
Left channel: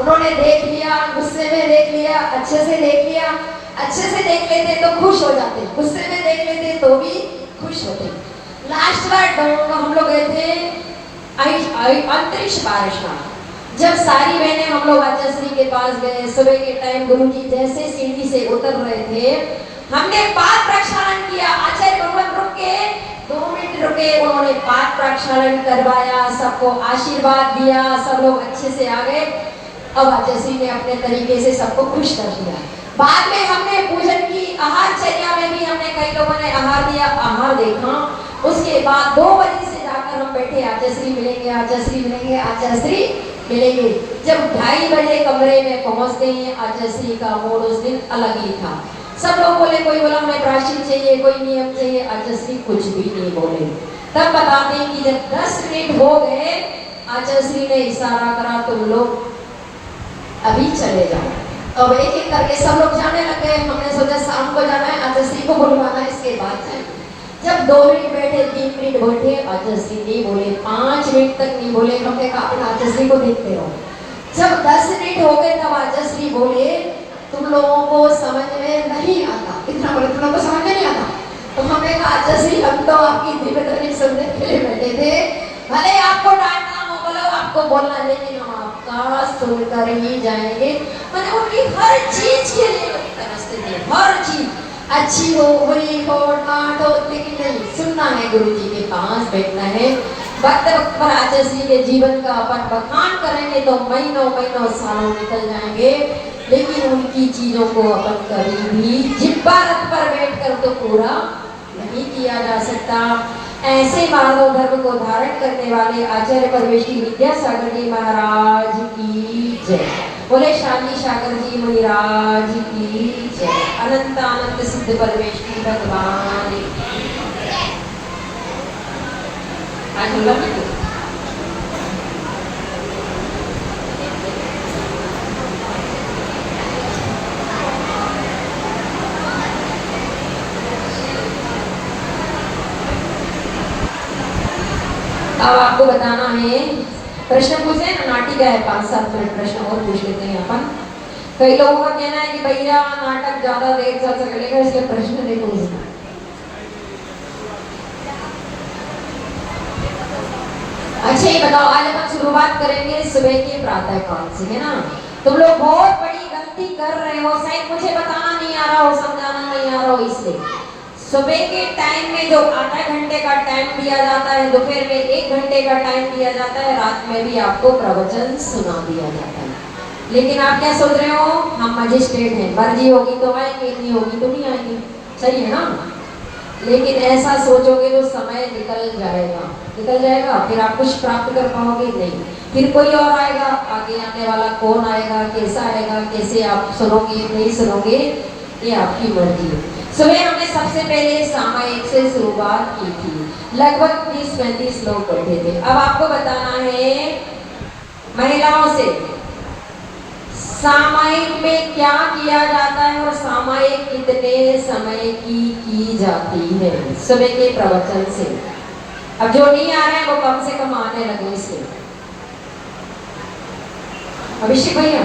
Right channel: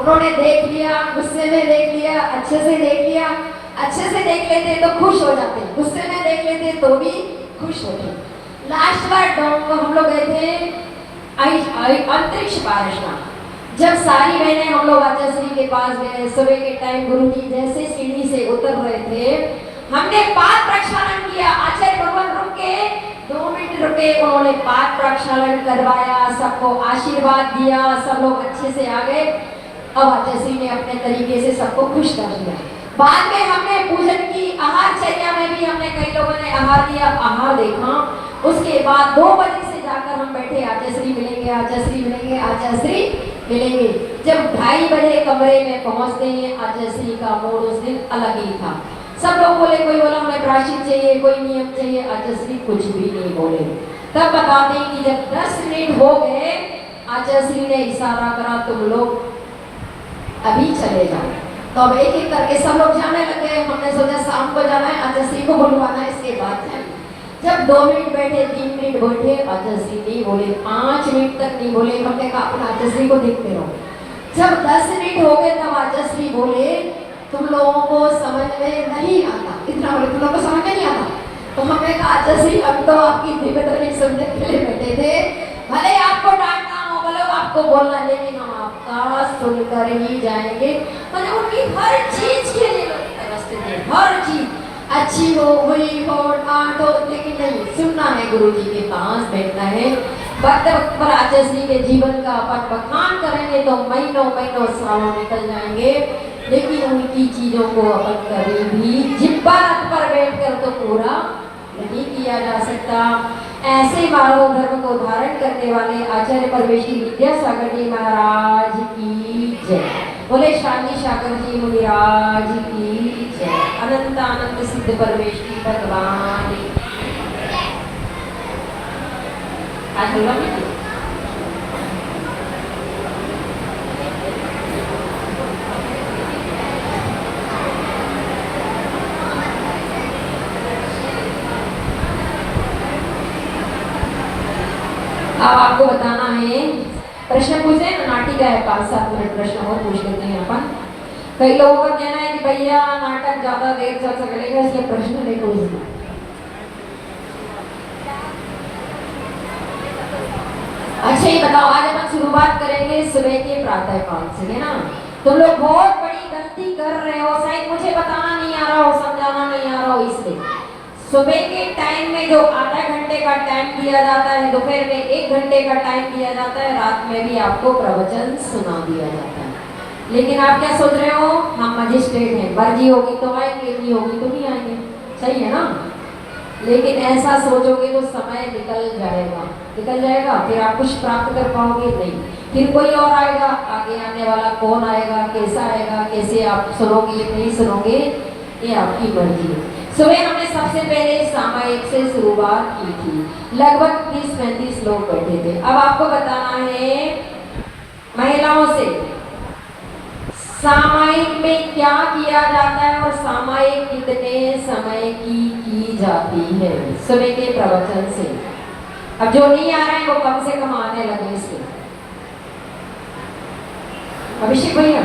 उन्होंने देख लिया, गुस्से में देख लिया, अच्छे से देख लिया, अच्छे से देख लेते तो खुश हो जाते, गुस्से में देख लेते तो भी खुश होते। लास्ट बार हम लोग गए थे अंतरिक्ष पारसनाथ, जब सारी बहनें हम लोग आचार्य श्री के पास गए, सुबह के टाइम गुरुजी जैसे सीढ़ी से उतर रहे थे, हमने पाद प्रक्षालन किया। आचार्य भगवान रुक के 2 मिनट रुके, उन्होंने पाद प्रक्षालन करवाया, सबको आशीर्वाद दिया, सब लोग अच्छे से आ गए। अब आचार्य श्री ने अपने तरीके से सबको खुश कर दिया। बाद में हमने पूजन की, आहारचर्या में भी हमने कई लोगों ने आहार दिया, आहार देखा। उसके बाद 2 बजे से जाकर हम बैठे, आचार्य श्री मिलेंगे, आचार्य श्री मिलेंगे, आचार्य श्री मिलेंगे। जब 2:30 बजे कमरे में पहुंचते हैं, आचार्य श्री का मूड उस दिन अलग ही था। सब लोग बोले, कोई बोला हमें प्रायश्चित चाहिए, कोई नियम चाहिए, आचार्य श्री कुछ भी नहीं बोले। तब बताते हैं कि जब 10 मिनट हो गए, आचार्य श्री ने इशारा करा तुम लोग अभी चले जाओ। तो अब एक एक करके सब लोग जाने लगे। हमने सोचा शाम को जाना है, आचार्य श्री को बुलवाना है, इसके बाद जाए। जब 2 मिनट बैठे, 3 मिनट बैठे, आचार्य श्री नहीं बोले, 5 मिनट तक नहीं बोले। हमने कहा अपन आचार्य श्री को देखते रहो। जब 10 मिनट हो गए तब आचार्य श्री बोले तुम लोगों को समझ में नहीं आता, इतना बोले तुम लोगों को समझ में नहीं आता। तो हमने कहा आचार्य श्री हम तो आपकी दिव्यदर्शी सुनने के लिए बैठे थे, भले आपको डांटना हो, बोलो आपको बोलना, लेकिन हम आपका सुनकर ही जाएंगे। मतलब उनकी हर चीज के लिए तरसते थे, हर चीज अच्छी हो, बुरी हो, डांट हो, लेकिन नहीं, सुनना है, गुरुजी के पास बैठना है। वक्त वक्त पर आचार्य श्री के जीवन का अपन बखान करेंगे तो महीनों महीनों सालों निकल जाएंगे, लेकिन उनकी चीजों को अपन कभी भी जिब्बा रथ पर बैठ कर तो पूरा नहीं किया जा सकता। ऐसे मानव धर्म को धारण करने वाले आचार्य परमेश्वरी विद्यासागर जी महाराज की जय। बोले शांति सागर जी मुनिराज की जय। अनंत अनंत सिद्ध परमेश्वरी भगवान की आज हम अब आपको बताना है, प्रश्न पूछे ना, नाटिका है 5-7 मिनट प्रश्न और पूछ लेते हैं अपन। कई लोगों का कहना है कि भैया नाटक ज्यादा देर चल सकेगा इसलिए प्रश्न नहीं पूछना। अच्छा ये बताओ, आज अपन शुरुआत करेंगे सुबह के प्रातः काल से, है ना। तुम लोग बहुत बड़ी गलती कर रहे हो, शायद मुझे बताना नहीं आ रहा हो, समझाना नहीं आ रहा हो, इसलिए सुबह के टाइम में जो आधा घंटे का टाइम दिया जाता है, दोपहर में 1 घंटे का टाइम दिया जाता है, रात में भी आपको प्रवचन सुना दिया जाता है। लेकिन आप क्या सोच रहे हो, हम मजिस्ट्रेट हैं, मर्जी होगी तो आएंगे, नहीं होगी तो नहीं आएंगे, सही है ना। लेकिन ऐसा सोचोगे तो समय निकल जाएगा, फिर आप कुछ प्राप्त कर पाओगे नहीं। फिर कोई और आएगा, आगे आने वाला कौन आएगा, कैसे आप सुनोगे नहीं सुनोगे, ये आपकी मर्जी है। सुबह हमने सबसे पहले सामायिक से शुरुआत की थी, लगभग 30-35 लोग बैठे थे। अब आपको बताना है महिलाओं से सामायिक में क्या किया जाता है और सामायिक कितने समय की जाती है सुबह के प्रवचन से। अब जो नहीं आ रहे हैं वो कम से कम आने लगे इससे। अभिषेक भैया